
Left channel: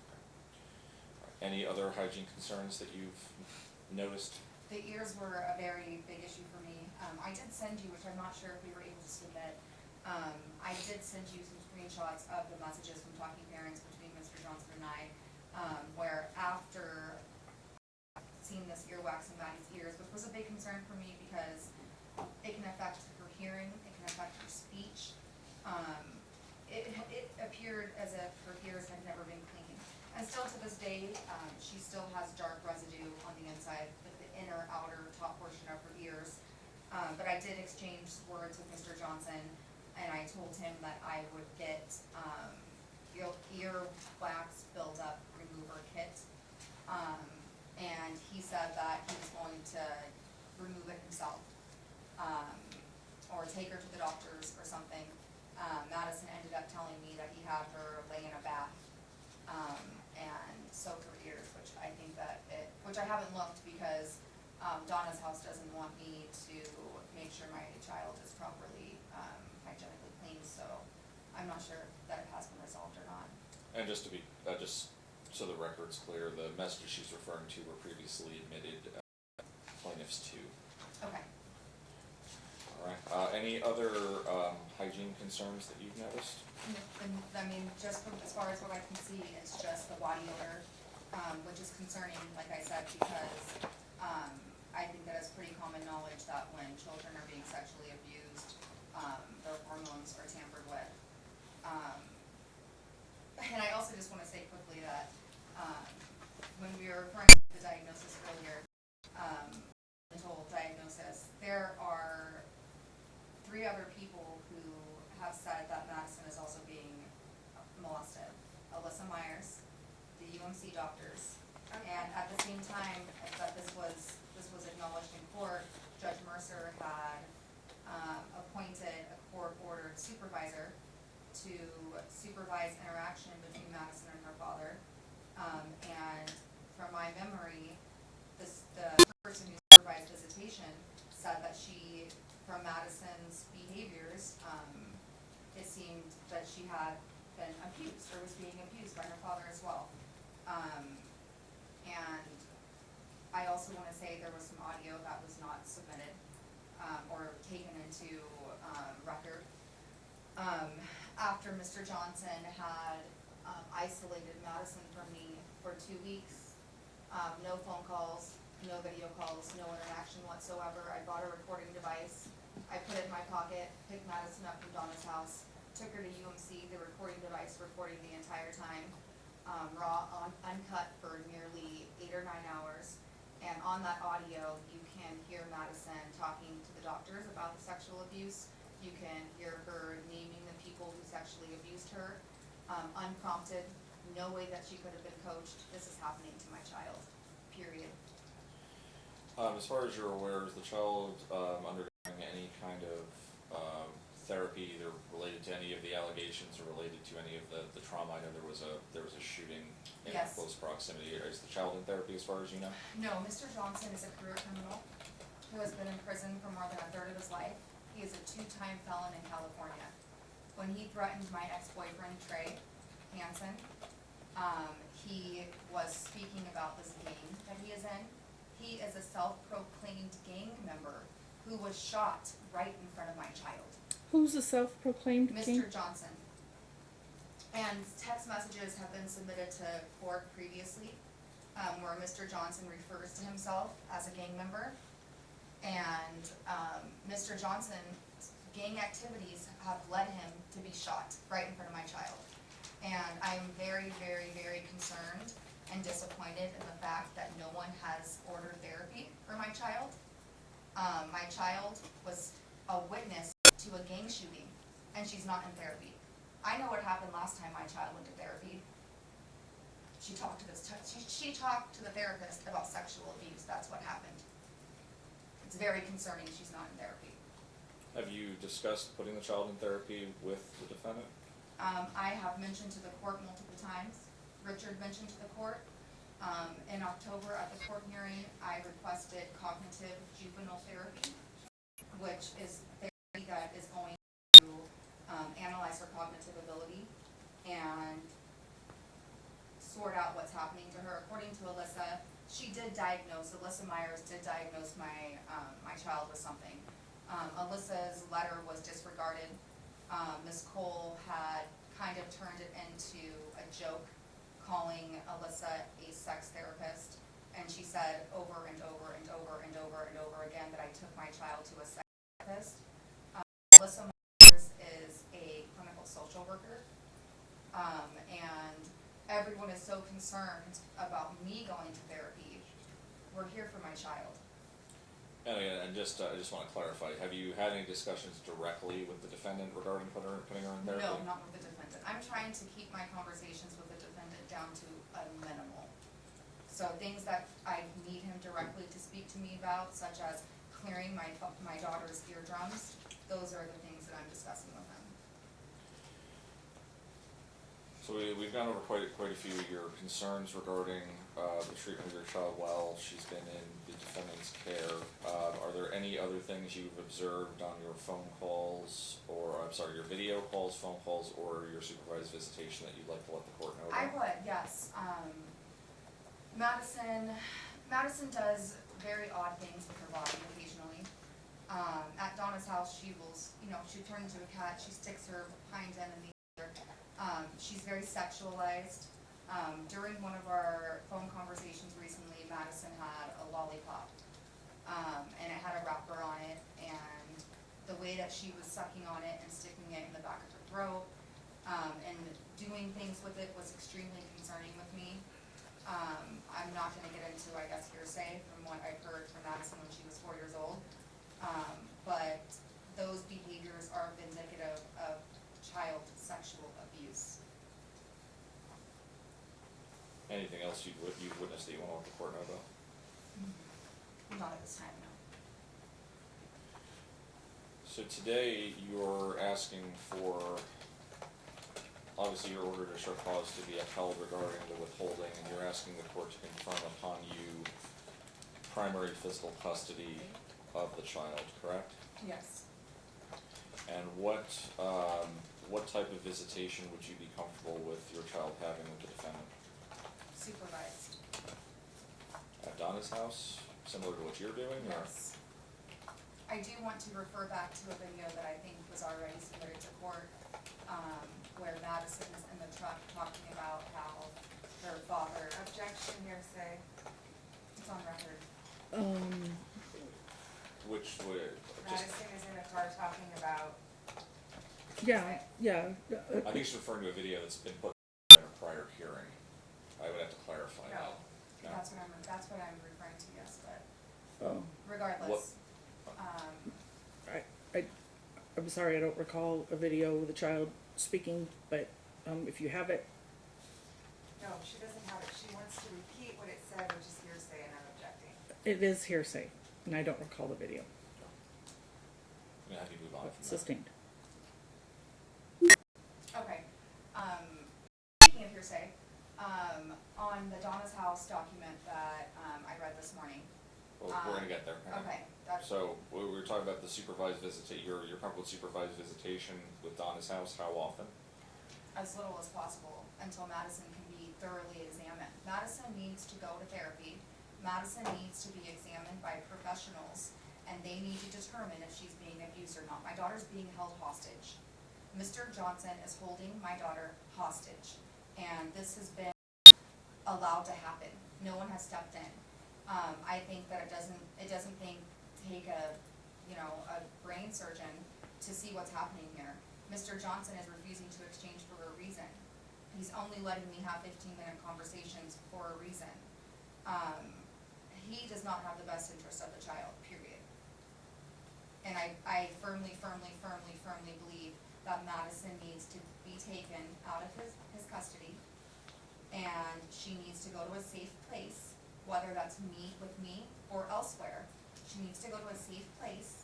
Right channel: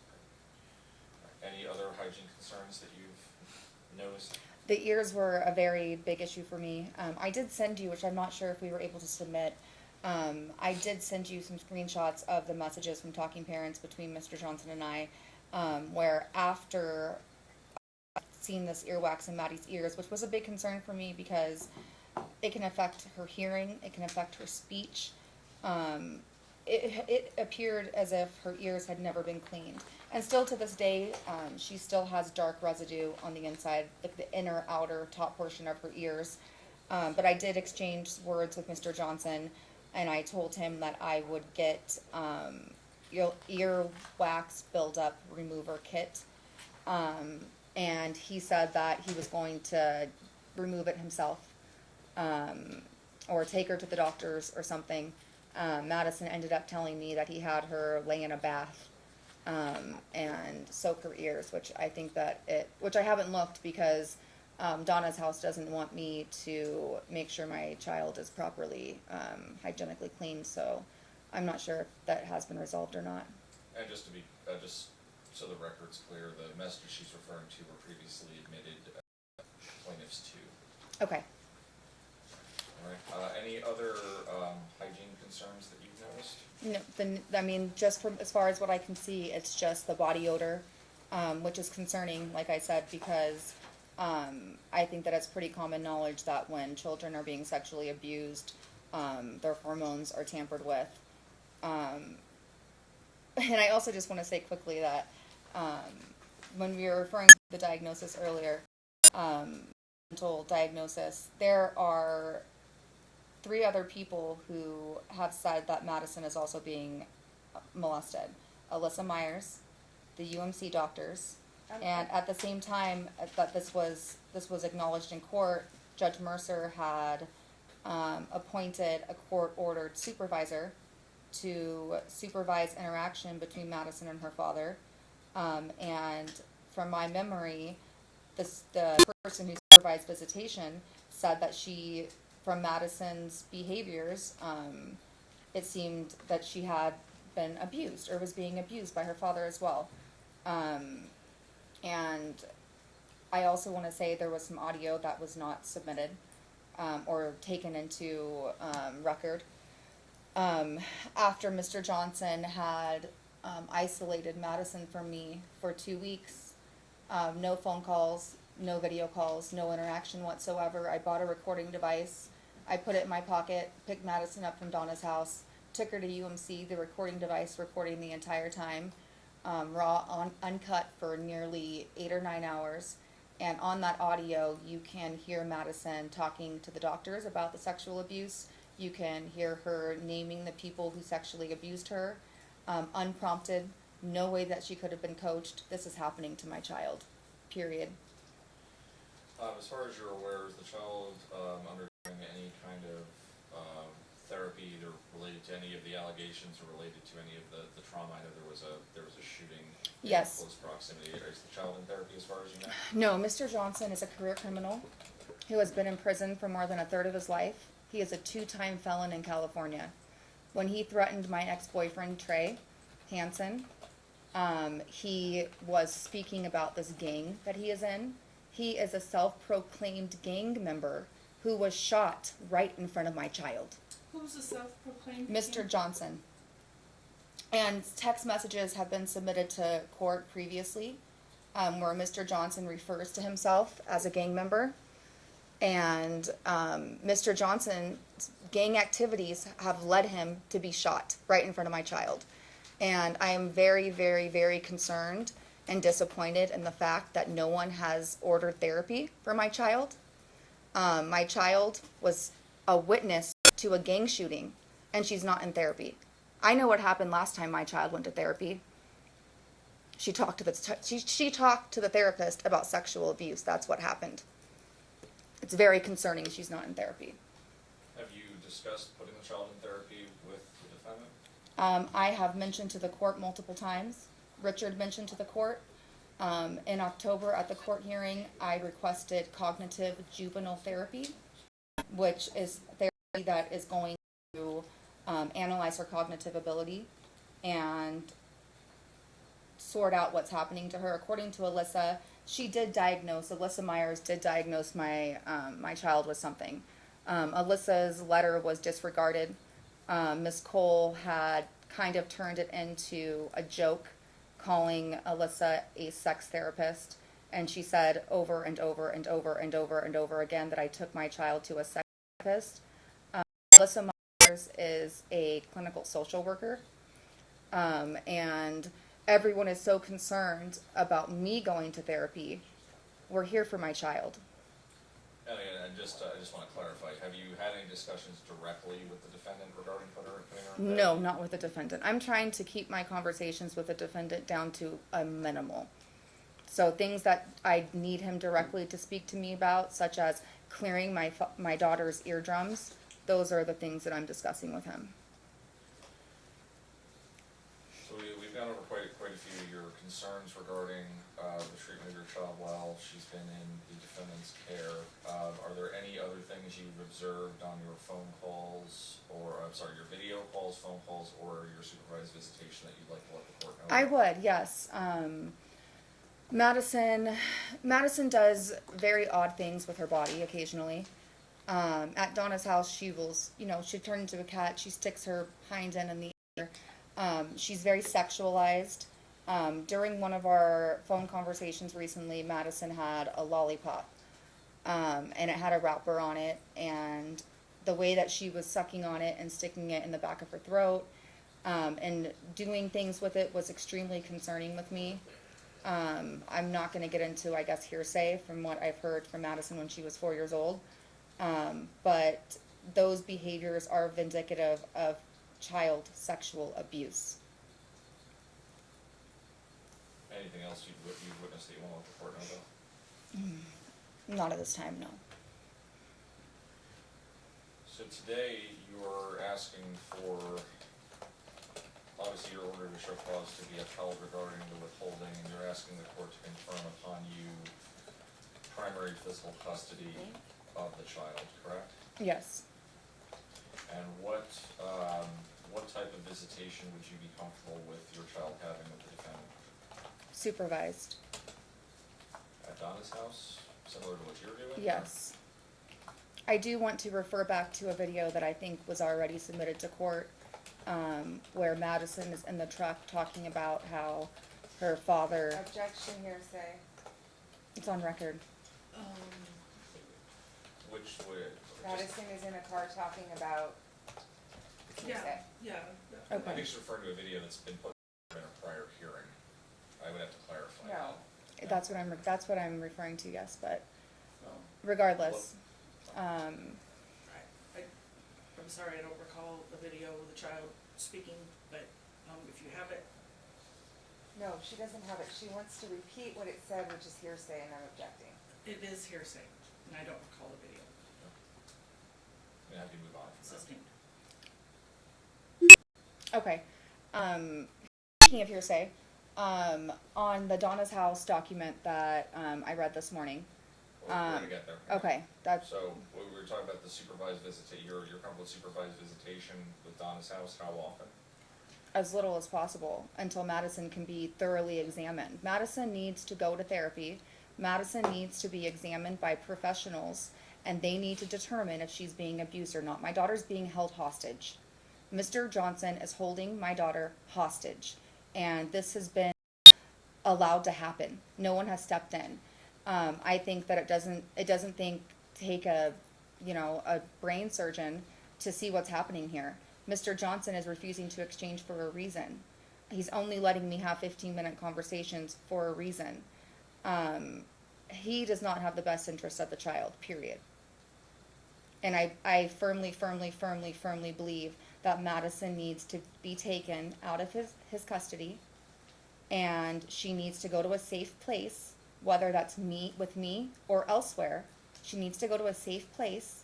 Any other hygiene concerns that you've noticed? The ears were a very big issue for me. I did send you, which I'm not sure if we were able to submit, I did send you some screenshots of the messages from talking parents between Mr. Johnson and I, where after seeing this earwax in Maddie's ears, which was a big concern for me because it can affect her hearing, it can affect her speech. It appeared as if her ears had never been cleaned. And still to this day, she still has dark residue on the inside, like the inner, outer, top portion of her ears. But I did exchange words with Mr. Johnson, and I told him that I would get ear wax buildup remover kit. And he said that he was going to remove it himself, or take her to the doctors or something. Madison ended up telling me that he had her lay in a bath and soak her ears, which I think that which I haven't looked because Donna's house doesn't want me to make sure my child is properly hygienically cleaned, so I'm not sure if that has been resolved or not. And just to be, just so the record's clear, the messages she's referring to were previously admitted plaintiffs to. Okay. All right. Any other hygiene concerns that you've noticed? No, I mean, just from as far as what I can see, it's just the body odor, which is concerning, like I said, because I think that it's pretty common knowledge that when children are being sexually abused, their hormones are tampered with. And I also just want to say quickly that when we were referring to the diagnosis earlier, mental diagnosis, there are 3 other people who have said that Madison is also being molested. Alyssa Myers, the UMC doctors, and at the same time that this was acknowledged in court, Judge Mercer had appointed a court-ordered supervisor to supervise interaction between Madison and her father. And from my memory, the person who supervised visitation said that from Madison's behaviors, it seemed that she had been abused or was being abused by her father as well. And I also want to say there was some audio that was not submitted or taken into record. After Mr. Johnson had isolated Madison from me for 2 weeks, no phone calls, no video calls, no interaction whatsoever. I bought a recording device. I put it in my pocket, picked Madison up from Donna's house, took her to UMC, the recording device recording the entire time, raw, uncut for nearly 8 or 9 hours. And on that audio, you can hear Madison talking to the doctors about the sexual abuse. You can hear her naming the people who sexually abused her, unprompted, no way that she could have been coached. This is happening to my child, period. As far as you're aware, is the child undergoing any kind of therapy either related to any of the allegations or related to any of the trauma? I know there was a shooting Yes. in close proximity. Is the child in therapy as far as you know? No, Mr. Johnson is a career criminal who has been in prison for more than a third of his life. He is a 2-time felon in California. When he threatened my ex-boyfriend, Trey Hansen, he was speaking about this gang that he is in. He is a self-proclaimed gang member who was shot right in front of my child. Who's a self-proclaimed Mr. king? Johnson. And text messages have been submitted to court previously, where Mr. Johnson refers to himself as a gang member. And Mr. Johnson's gang activities have led him to be shot right in front of my child. And I am very, very, very concerned and disappointed in the fact that no one has ordered therapy for my child. My child was a witness to a gang shooting, and she's not in therapy. I know what happened last time my child went to therapy. She talked to the therapist about sexual abuse. That's what happened. It's very concerning she's not in therapy. Have you discussed putting the child in therapy with the defendant? I have mentioned to the court multiple times. Richard mentioned to the court. In October at the court hearing, I requested cognitive juvenile therapy, which is therapy that is going to analyze her cognitive ability and sort out what's happening to her. According to Alyssa, Alyssa Myers did diagnose my child with something. Alyssa's letter was disregarded. Ms. Cole had kind of turned it into a joke, calling Alyssa a sex therapist, and she said over and over and over and over and over again that I took my child to a sex therapist. Alyssa Myers is a clinical social worker, and everyone is so concerned about me going to therapy. We're here for my child. And I just want to clarify, have you had any discussions directly with the defendant regarding putting her in therapy? No, not with the defendant. I'm trying to keep my conversations with the defendant down to a minimal. So things that I need him directly to speak to me about, such as clearing my daughter's eardrums, those are the things that I'm discussing with him. So we've gone over quite a few of your concerns regarding, the treatment of your child while she's been in the defendant's care. Are there any other things you've observed on your phone calls, or, I'm sorry, your video calls, phone calls, or your supervised visitation that you'd like to let the court know I about? would, yes. Madison does very odd things with her body occasionally. At Donna's house, she will, she turns into a cat. She sticks her hind end in the air. She's very sexualized. During one of our phone conversations recently, Madison had a lollipop, and it had a wrapper on it, and the way that she was sucking on it and sticking it in the back of her throat, and doing things with it was extremely concerning with me. I'm not going to get into, I guess, hearsay from what I've heard from Madison when she was 4 years old. But those behaviors are vindicative of child sexual abuse. Anything else you've witnessed that you want to let the court know about? Not at this time, no. So today, you're asking for, obviously your order to show cause to be upheld regarding the withholding, and you're asking the court to confirm upon you primary physical custody of the child, correct? Yes. And what type of visitation would you be comfortable with your child having with the defendant? Supervised. At Donna's house, similar to what you're doing? or- Yes. I do want to refer back to a video that I think was already submitted to court, where Madison is in the truck talking about how her father, Objection hearsay. it's on record. Which would, just, Madison is in a car talking about, Yeah, yeah. I think she's referring to a video that's been put in a prior hearing. I would have to clarify No. that. That's what I'm referring to, yes, but Oh, regardless, I'm sorry, I don't recall a video with a child speaking, but if you have it, no, she doesn't have it. She wants to repeat what it said, which is hearsay, and I'm objecting. it is hearsay, and I don't recall the video. And how do you move on from that? Sustained. okay. Speaking of hearsay, on the Donna's House document that I read this morning. Well, we're gonna get there. Okay, that's So, we were talking about the supervised you're comfortable with supervised visitation with Donna's house, how often? as little as possible until Madison can be thoroughly examined. Madison needs to go to therapy. Madison needs to be examined by professionals, and they need to determine if she's being abused or not. My daughter's being held hostage. Mr. Johnson is holding my daughter hostage, and this has been allowed to happen. No one has stepped in. I think that it doesn't take a brain surgeon to see what's happening here. Mr. Johnson is refusing to exchange for a reason. He's only letting me have 15-minute conversations for a reason. He does not have the best interest of the child, period. And I firmly believe that Madison needs to be taken out of his custody, and she needs to go to a safe place, whether that's with me or elsewhere. She needs to go to a safe place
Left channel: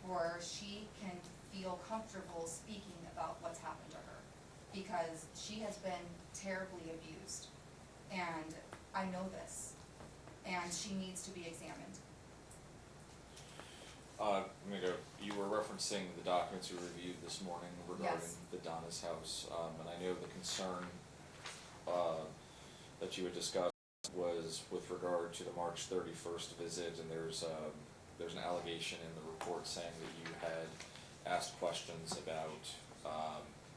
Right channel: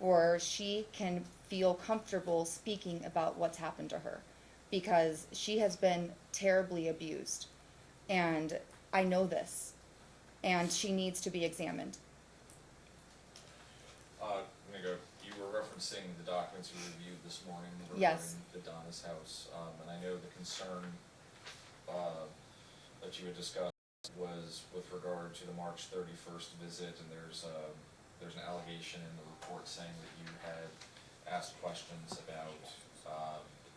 where she can feel comfortable speaking about what's happened to her, because she has been terribly abused, and I know this, and she needs to be examined. You were referencing the documents you reviewed this morning Yes. regarding the Donna's house, and I know the concern, that you had discussed was with regard to the March 31st visit, and there's an allegation in the report saying that you had asked questions about,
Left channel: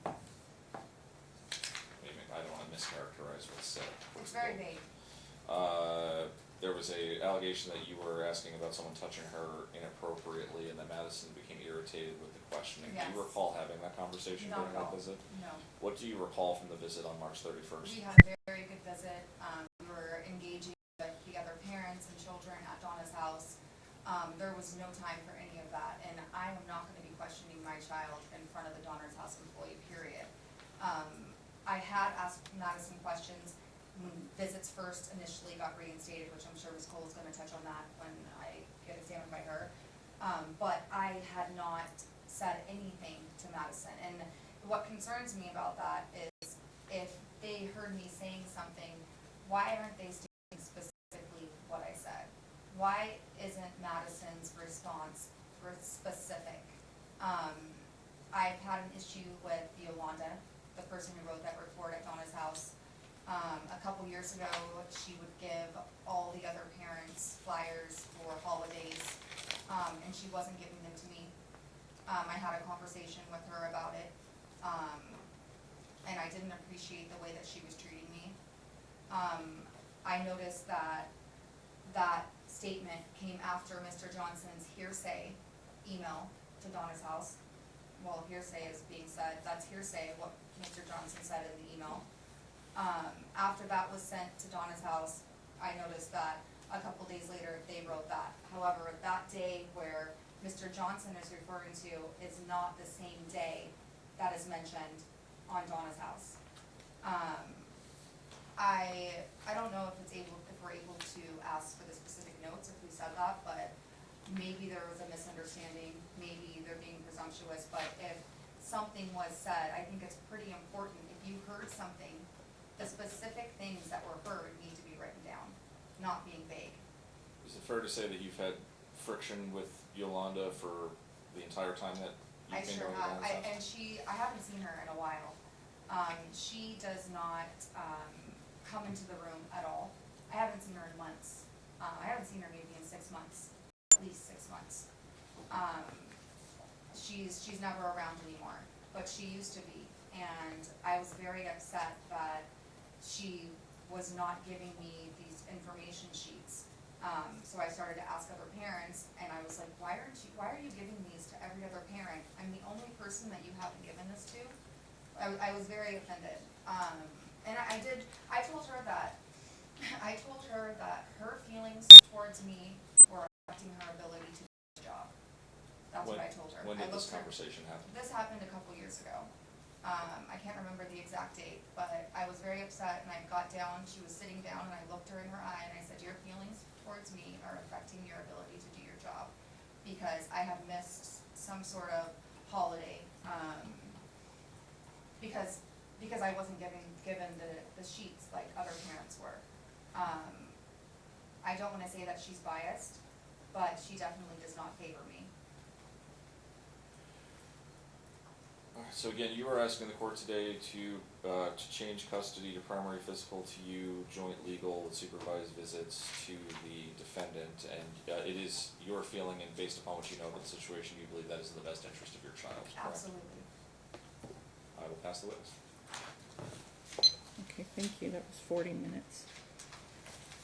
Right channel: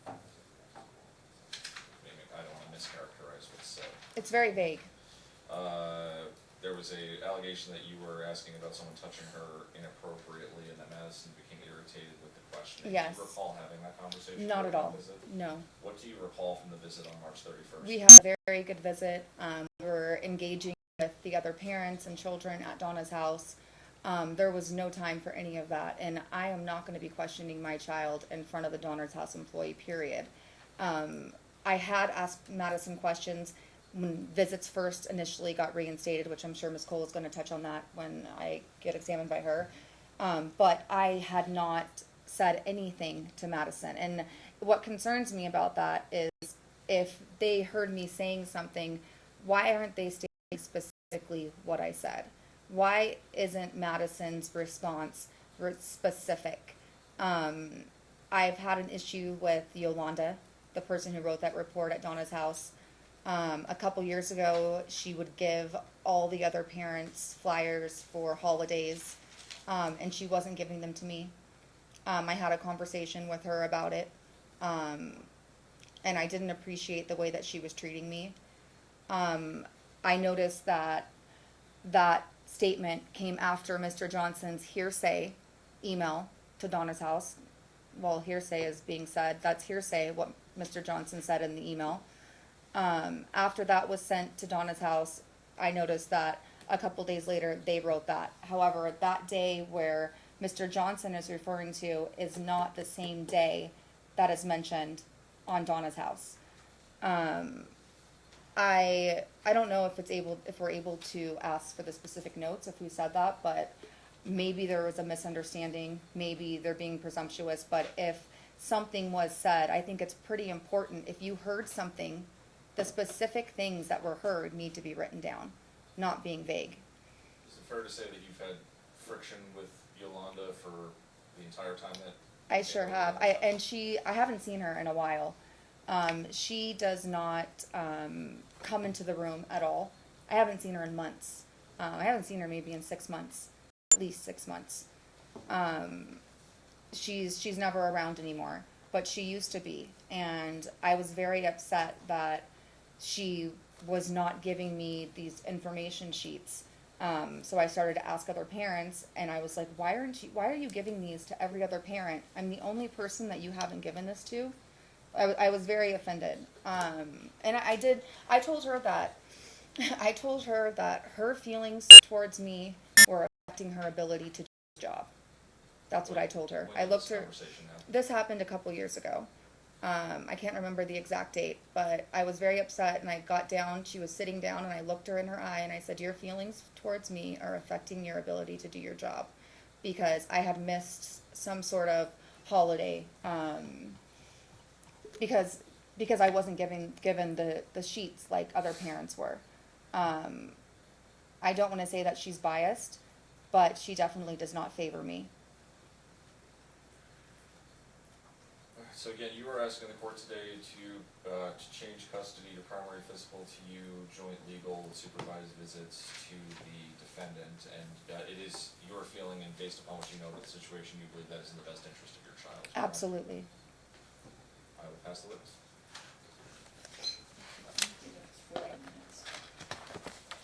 I don't wanna mischaracterize what's said. It's very vague. There was a allegation that you were asking about someone touching her inappropriately, and that Madison became irritated with the questioning. Yes. Do you recall having that conversation Not during at that all. visit? No. What do you recall from the visit on March 31st? We had a very good visit. We were engaging with the other parents and children at Donna's house. There was no time for any of that, and I am not going to be questioning my child in front of the Donna's house employee, period. I had asked Madison questions when visits first initially got reinstated, which I'm sure Ms. Cole is going to touch on that when I get examined by her. But I had not said anything to Madison, and what concerns me about that is if they heard me saying something, why aren't they stating specifically what I said? Why isn't Madison's response specific? I've had an issue with Yolanda, the person who wrote that report at Donna's house. A couple years ago, she would give all the other parents flyers for holidays, and she wasn't giving them to me. I had a conversation with her about it, and I didn't appreciate the way that she was treating me. I noticed that that statement came after Mr. Johnson's hearsay email to Donna's house. Well, hearsay is being said. That's hearsay, what Mr. Johnson said in the email. After that was sent to Donna's house, I noticed that a couple days later they wrote that. However, that day where Mr. Johnson is referring to is not the same day that is mentioned on Donna's house. I don't know if we're able to ask for the specific notes of who said that, but maybe there was a misunderstanding, maybe they're being presumptuous, but if something was said, I think it's pretty important. If you heard something, the specific things that were heard need to be written down, not being vague. Is it fair to say that you've had friction with Yolanda for the entire time that? I you've been sure going have. on that? I haven't seen her in a while. She does not come into the room at all. I haven't seen her in months. I haven't seen her maybe in 6 months, at least 6 months. She's never around anymore, but she used to be, and I was very upset that she was not giving me these information sheets. So I started to ask other parents, and I was like, why are you giving these to every other parent? I'm the only person that you haven't given this to. I was very offended. And I told her that her feelings towards me were affecting her ability to do the job. That's what I told her. When I did looked this her. conversation happen? This happened a couple years ago. I can't remember the exact date, but I was very upset, and I got down. She was sitting down, and I looked her in her eye, and I said, your feelings towards me are affecting your ability to do your job, because I had missed some sort of holiday, because I wasn't given the sheets like other parents were. I don't want to say that she's biased, but she definitely does not favor me. So again, you were asking the court today to change custody to primary physical to you, joint legal, supervised visits to the defendant, and it is your feeling, and based upon what you know about the situation, you believe that is in the best interest of your child. Correct? Absolutely. I will pass the witness. Okay, thank you. That was 40 minutes.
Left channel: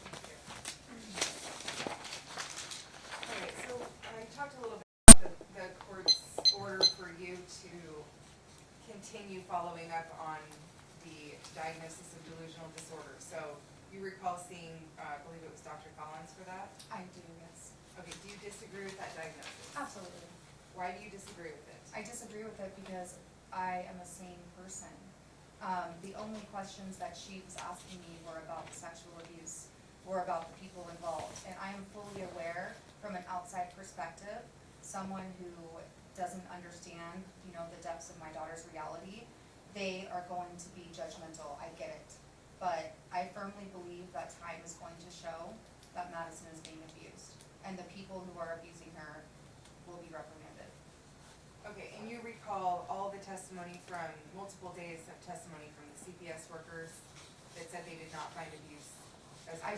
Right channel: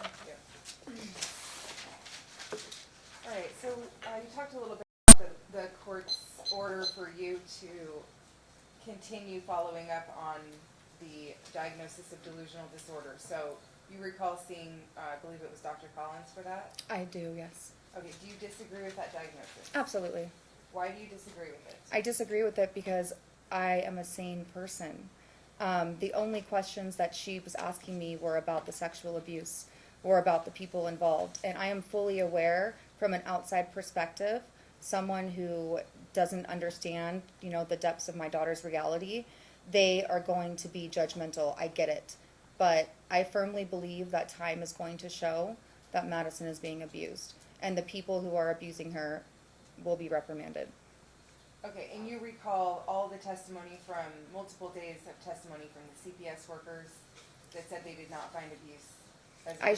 Thank you. Alright, so you talked a little bit about the court's order for you to continue following up on the diagnosis of delusional disorder. So you recall seeing, I believe it was Dr. Collins for that? I do, yes. Okay, do you disagree with that diagnosis? Absolutely. Why do you disagree with it? I disagree with it because I am a sane person. The only questions that she was asking me were about the sexual abuse, were about the people involved. And I am fully aware from an outside perspective, someone who doesn't understand, the depths of my daughter's reality, they are going to be judgmental. I get it. But I firmly believe that time is going to show that Madison is being abused. And the people who are abusing her will be reprimanded. Okay, and you recall all the testimony from multiple days of testimony from the CPS workers that said they did not find abuse? I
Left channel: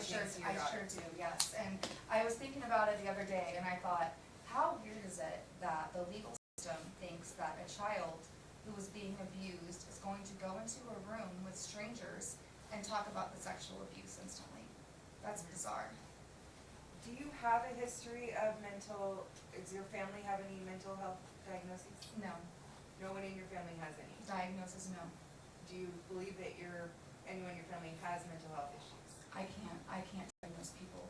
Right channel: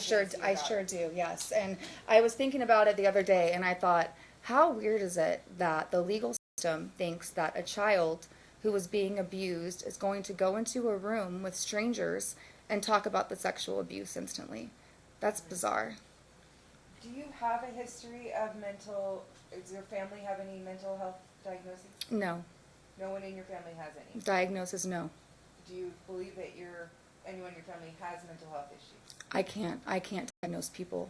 sure do, yes. And I was thinking about it the other day, and I thought, how weird is it that the legal system thinks that a child who was being abused is going to go into a room with strangers and talk about the sexual abuse instantly? That's bizarre. Do you have a history of does your family have any mental health diagnoses? No. No one in your family has any? Diagnosis, no. Do you believe that anyone in your family has mental health issues? I can't diagnose people.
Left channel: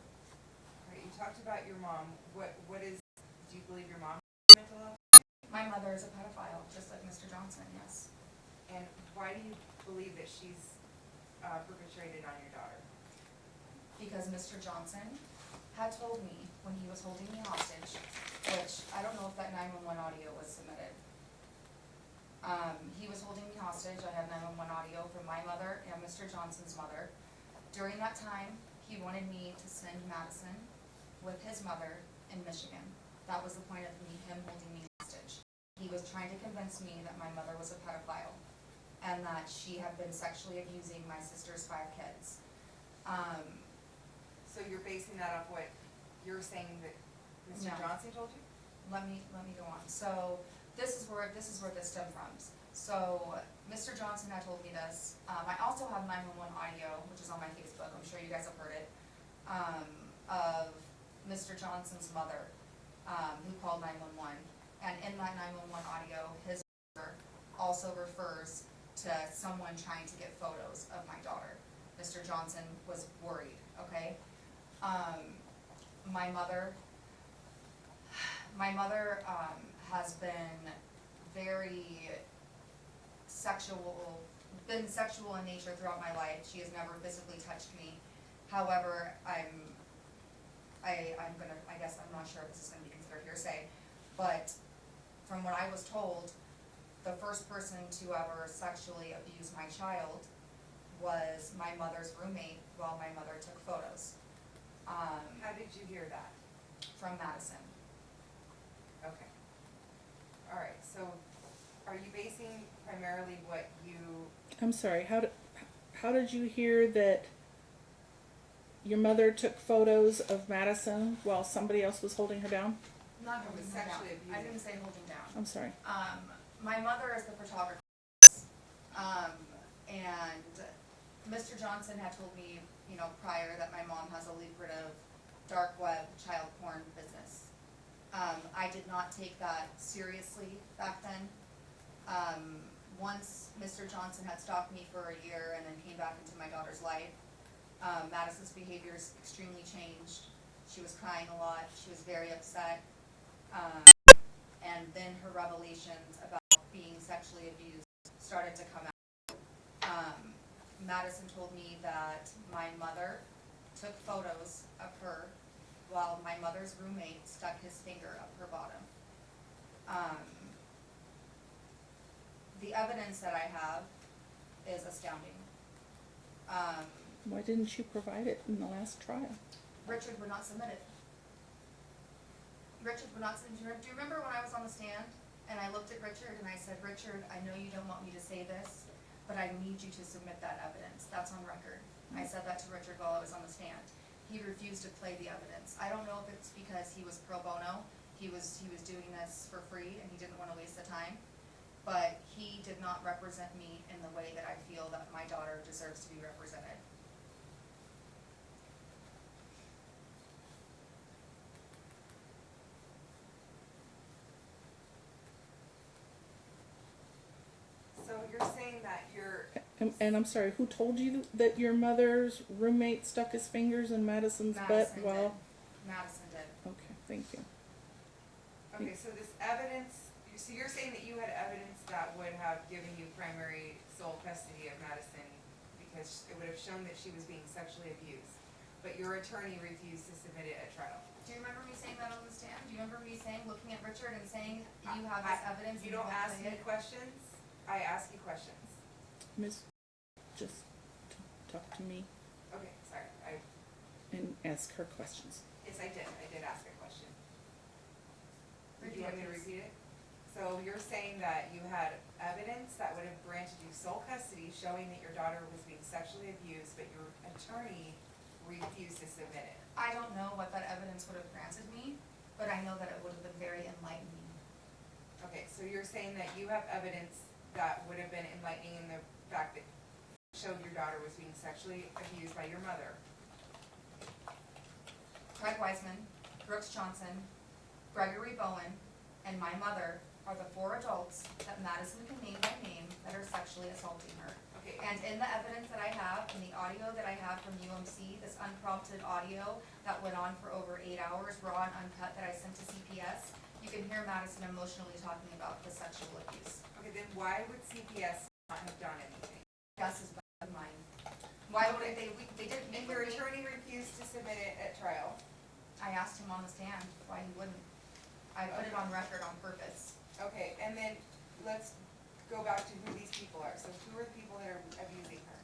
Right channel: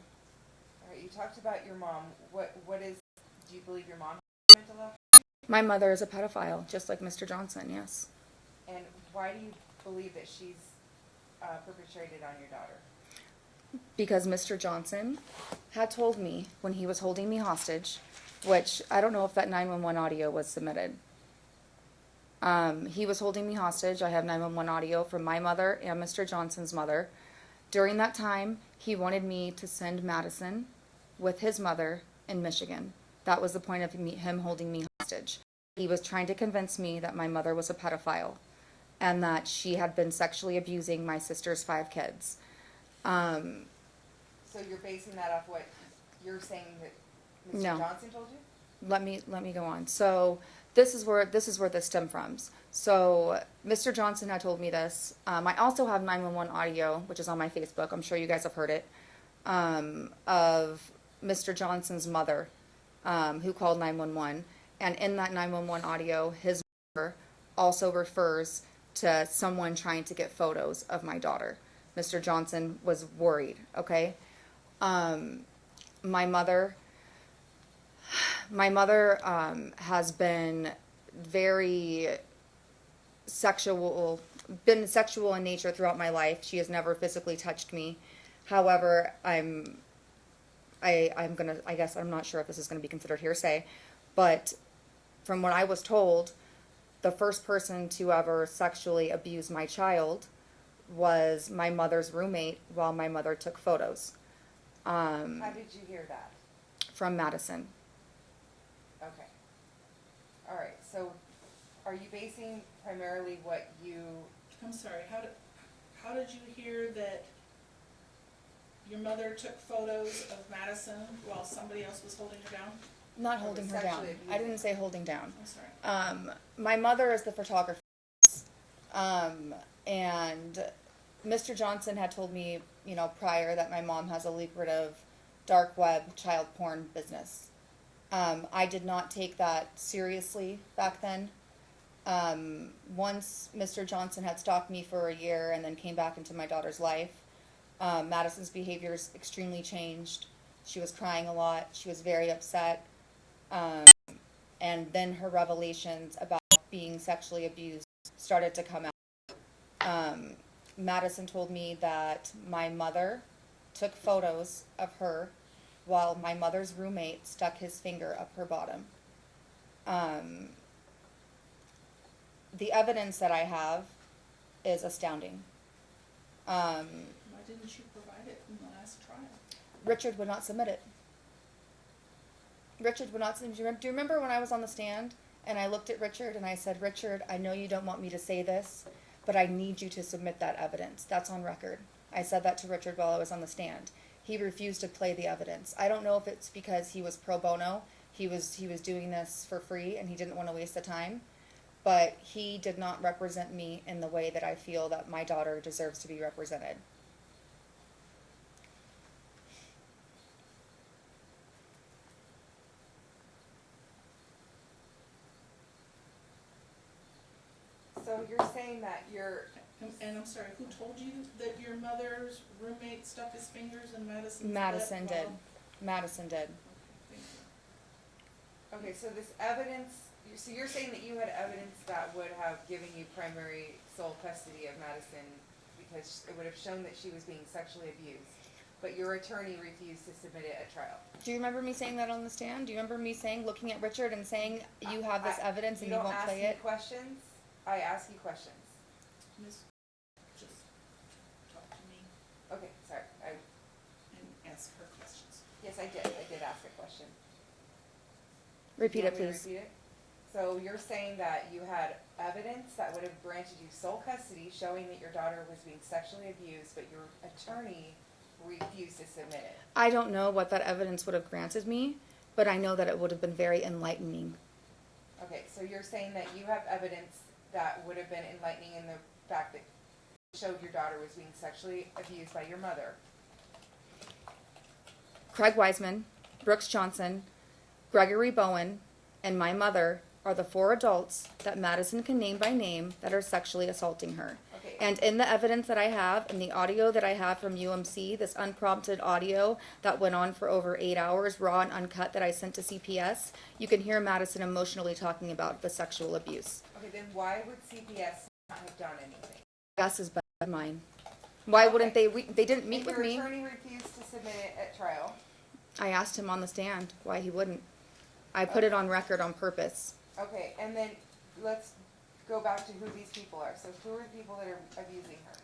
Alright, you talked about your mom. Do you believe your mom has mental health? My mother is a pedophile, just like Mr. Johnson, yes. And why do you believe that she's perpetrated on your daughter? Because Mr. Johnson had told me when he was holding me hostage, which I don't know if that 911 audio was submitted. He was holding me hostage. I have 911 audio from my mother and Mr. Johnson's mother. During that time, he wanted me to send Madison with his mother in Michigan. That was the point of him holding me hostage. He was trying to convince me that my mother was a pedophile and that she had been sexually abusing my sister's 5 kids. So you're basing that off what you're saying that Mr. No. Johnson told you? Let me go on. So this is where this stemmed from. So Mr. Johnson had told me this. I also have 911 audio, which is on my Facebook. I'm sure you guys have heard it, of Mr. Johnson's mother, who called 911. And in that 911 audio, his mother also refers to someone trying to get photos of my daughter. Mr. Johnson was worried. Okay, my mother has been very sexual in nature throughout my life. She has never physically touched me. However, I'm not sure if this is gonna be considered hearsay, but from what I was told, the first person to ever sexually abuse my child was my mother's roommate while my mother took photos. How did you hear that? From Madison. Okay. All right, so are you basing primarily what you, I'm sorry, how did you hear that your mother took photos of Madison while somebody else was holding her down? Not Or holding was her down. sexually I abusing. didn't say holding down. I'm sorry. My mother is the photographer. And Mr. Johnson had told me, prior that my mom has a lucrative dark web child porn business. I did not take that seriously back then. Once Mr. Johnson had stalked me for a year and then came back into my daughter's life, Madison's behaviors extremely changed. She was crying a lot. She was very upset. And then her revelations about being sexually abused started to come out. Madison told me that my mother took photos of her while my mother's roommate stuck his finger up her bottom. The evidence that I have is astounding. Why didn't you provide it in the last trial? Richard would not submit it. Richard would not submit. Do you remember when I was on the stand and I looked at Richard and I said, Richard, I know you don't want me to say this, but I need you to submit that evidence. That's on record. I said that to Richard while I was on the stand. He refused to play the evidence. I don't know if it's because he was pro bono. He was doing this for free and he didn't want to waste the time. But he did not represent me in the way that I feel that my daughter deserves to be represented. so you're saying that you're, And I'm sorry, who told you that your mother's roommate stuck his fingers in Madison's Madison butt? did. Madison did. Okay, thank you. okay, so this evidence, so you're saying that you had evidence that would have given you primary sole custody of Madison because it would have shown that she was being sexually abused, but your attorney refused to submit it at trial. Do you remember me saying that on the stand? Do you remember me saying, looking at Richard and saying, you have this evidence and you don't won't ask play me it? questions, I ask you questions. Miss, just talk to me Okay, sorry, and ask her questions. yes, I did ask a question. Repeat Do it, you want me to please. repeat it? So you're saying that you had evidence that would have granted you sole custody showing that your daughter was being sexually abused, but your attorney refused to submit it. I don't know what that evidence would have granted me, but I know that it would have been very enlightening. Okay, so you're saying that you have evidence that would have been enlightening in the fact that showed your daughter was being sexually abused by your mother. Craig Wiseman, Brooks Johnson, Gregory Bowen, and my mother are the 4 adults that Madison can name by name that are sexually assaulting her. Okay, And in the evidence that I have, in the audio that I have from UMC, this unprompted audio that went on for over 8 hours, raw and uncut, that I sent to CPS, you can hear Madison emotionally talking about the sexual abuse. okay, then why would CPS not have done anything? Gus is better than mine. Why wouldn't they? They didn't meet If with your me. attorney refused to submit it at trial, I asked him on the stand why he wouldn't. I put it on record on purpose. okay, and then let's go back to who these people are. So who are the people that are abusing her?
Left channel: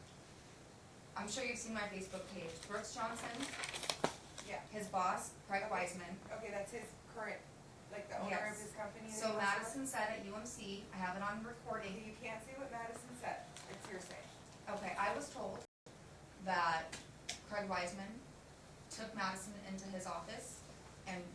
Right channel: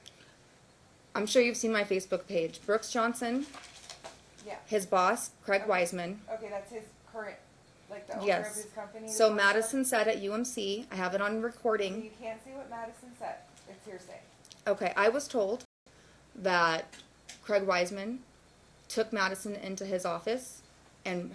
I'm sure you've seen my Facebook page. Brooks Johnson, Yeah. his boss, Craig Okay. Wiseman. Okay, that's his current, like the owner Yes. of his company? that So he works for? Madison said at UMC, I have it on So recording. you can't say what Madison said. It's hearsay. Okay, I was told that Craig Wiseman took Madison into his office and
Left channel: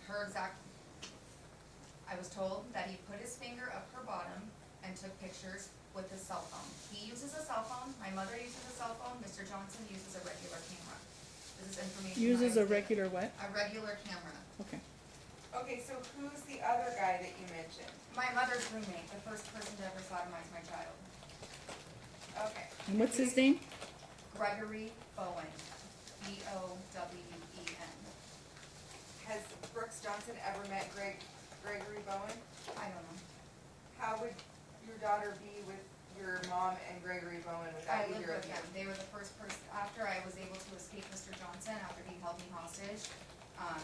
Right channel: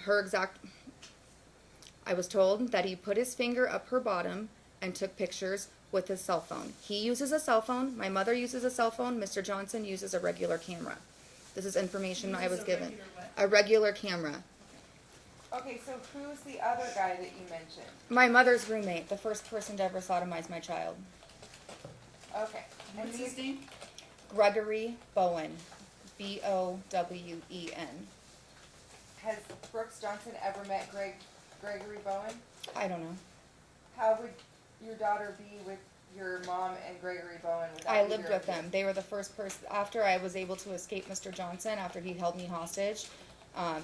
I was told that he put his finger up her bottom and took pictures with his cell phone. He uses a cell phone, my mother uses a cell phone, Mr. Johnson uses a regular camera. This is information I was Uses a given. regular what? A regular camera. Okay. Okay, so who's the other guy that you mentioned? My mother's roommate, the first person to ever sodomize my child. Okay. And what's his name? Gregory Bowen. Bowen. Has Brooks Johnson ever met Gregory Bowen? I don't know. How would your daughter be with your mom and Gregory Bowen without I either lived of with you? them. They were the first person, after I was able to escape Mr. Johnson, after he held me hostage,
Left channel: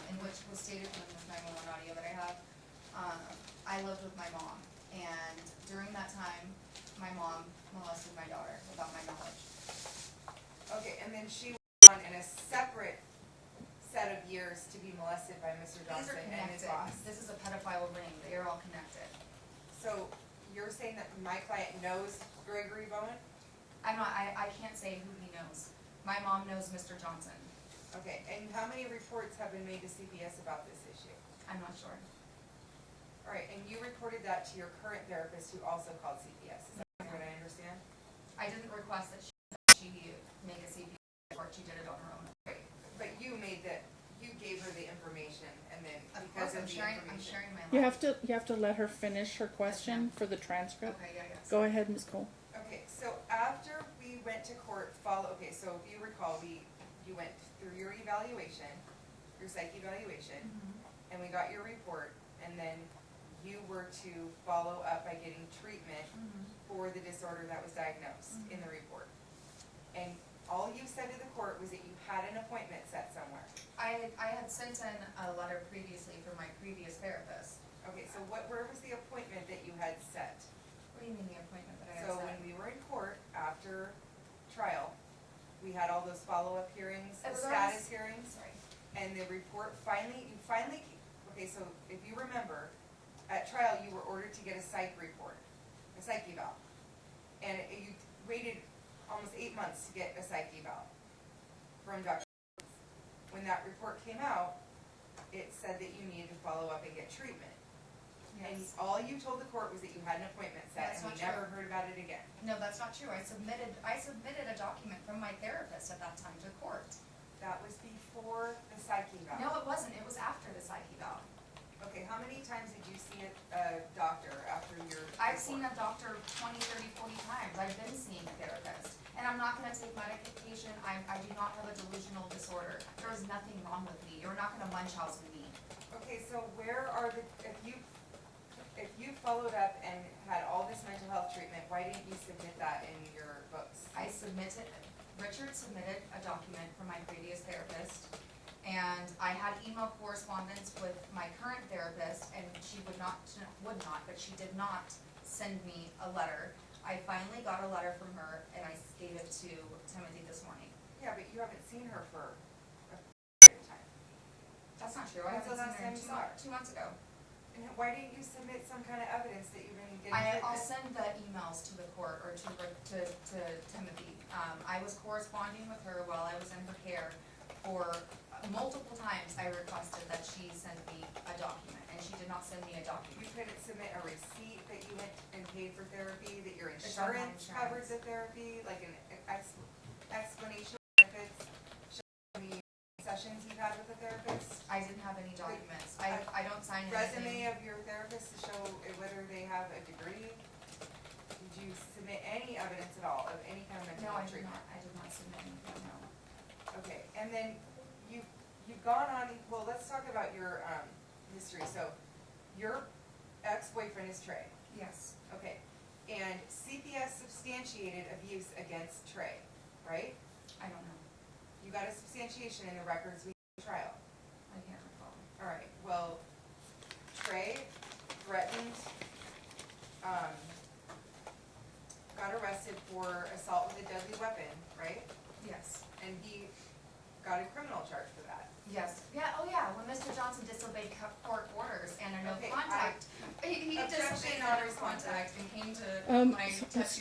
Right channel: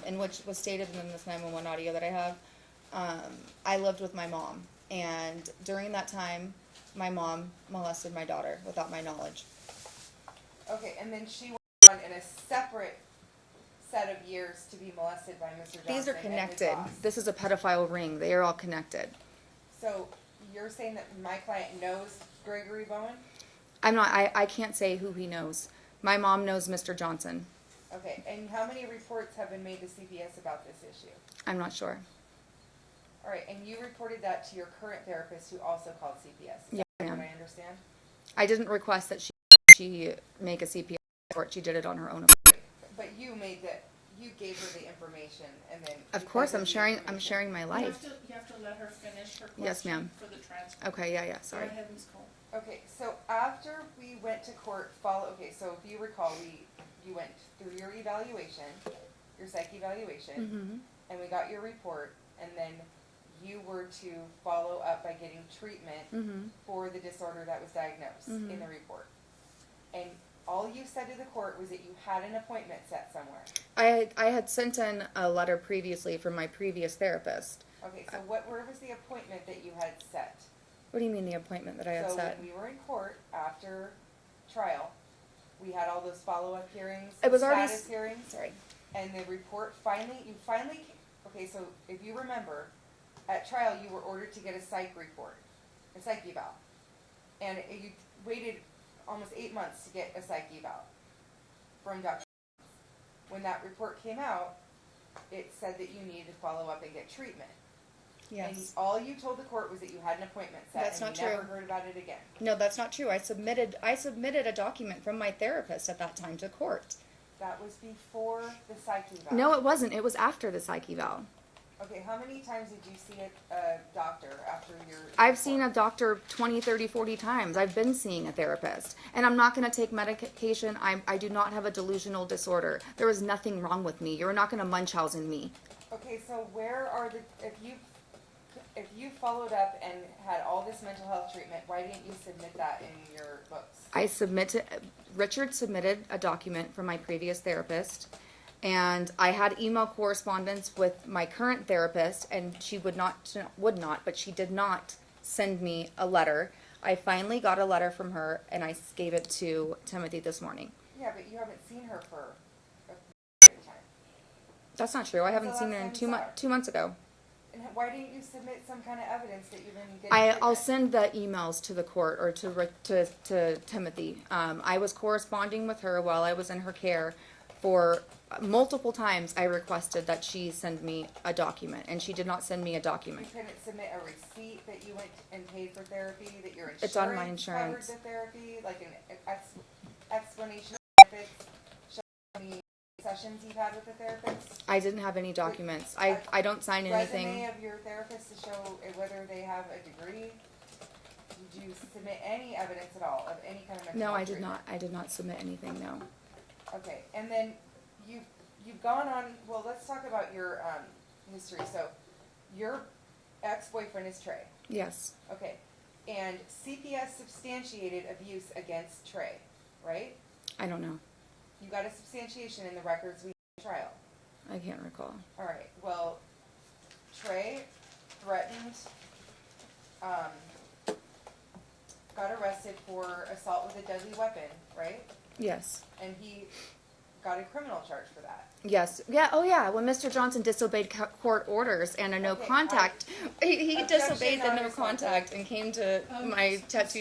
and which was stated in this 911 audio that I have, I lived with my mom. And during that time, my mom molested my daughter without my knowledge. Okay, and then she went on in a separate set of years to be molested by Mr. Johnson These are and his connected. boss. This is a pedophile ring. They are all connected. So you're saying that my client knows Gregory Bowen? I can't say who he knows. My mom knows Mr. Johnson. Okay, and how many reports have been made to CPS about this issue? I'm not sure. All right, and you reported that to your current therapist who also called CPS. Is Yeah, that ma'am. what I understand? I didn't request that she make a CPS report. She did it on her own. But you gave her the information and then. Of because course, the I'm information- sharing my You life. have to let her finish her Yes, question ma'am. for the transcript. Okay, yeah, Go sorry. ahead, Ms. Cole. Okay, so after we went to court, so if you recall, you went through your evaluation, your psych evaluation, Mhm. and we got your report, and then you were to follow up by getting treatment Mhm. for the disorder that was diagnosed Mhm. in the report. And all you said to the court was that you had an appointment set somewhere. I had sent in a letter previously from my previous therapist. Okay, so where was the appointment that you had set? What do you mean the appointment that I had So set? when we were in court after trial, we had all those follow-up hearings, It was already status hearings, Sorry. and the report okay, so if you remember, at trial, you were ordered to get a psych report, a psych eval. And you waited almost 8 months to get a psych eval from Dr. When that report came out, it said that you needed to follow up and get treatment. And Yes. all you told the court was that you had an appointment set, That's and not you never true. heard about it again. No, that's not true. I submitted a document from my therapist at that time to court. That was before the psych eval. No, it wasn't. It was after the psych eval. Okay, how many times did you see a doctor after your? I've seen a doctor 20, 30, 40 times. I've been seeing a therapist. And I'm not going to take medication. I do not have a delusional disorder. There is nothing wrong with me. You're not going to Munchausen me. Okay, so where are if you followed up and had all this mental health treatment, why didn't you submit that in your books? Richard submitted a document from my previous therapist, and I had email correspondence with my current therapist, and she but she did not send me a letter. I finally got a letter from her, and I gave it to Timothy this morning. Yeah, but you haven't seen her for a period of time. That's not true. I haven't When's seen the her in last time you saw her? 2 months ago. And why didn't you submit some kind of evidence that you've been getting I'll treatment? send the emails to the court or to Timothy. I was corresponding with her while I was in her care for multiple times. I requested that she send me a document, and she did not send me a You document. couldn't submit a receipt that you went and paid for therapy, that your It's on my insurance covered insurance. the therapy, like an explanation of benefits, showing how many sessions you've had with the therapist? I didn't have any documents. I don't sign anything. Resume of your therapist to show whether they have a degree? Did you submit any evidence at all of any kind of mental No, health I did treatment? not. I did not submit anything. No. Okay, and then you've gone on, well, let's talk about your, history. So, your ex-boyfriend is Trey, Yes. okay, and CPS substantiated abuse against Trey, right? I don't know. You got a substantiation in the records we had at trial. I can't recall. Alright, well, Trey threatened, a deadly weapon, right? Yes. And he got a criminal charge for that. Yes. Yeah. Oh, yeah. When Mr. Johnson disobeyed court orders and a no Okay, contact, he Objection disobeyed the not no responsive. contact and came to my tattoo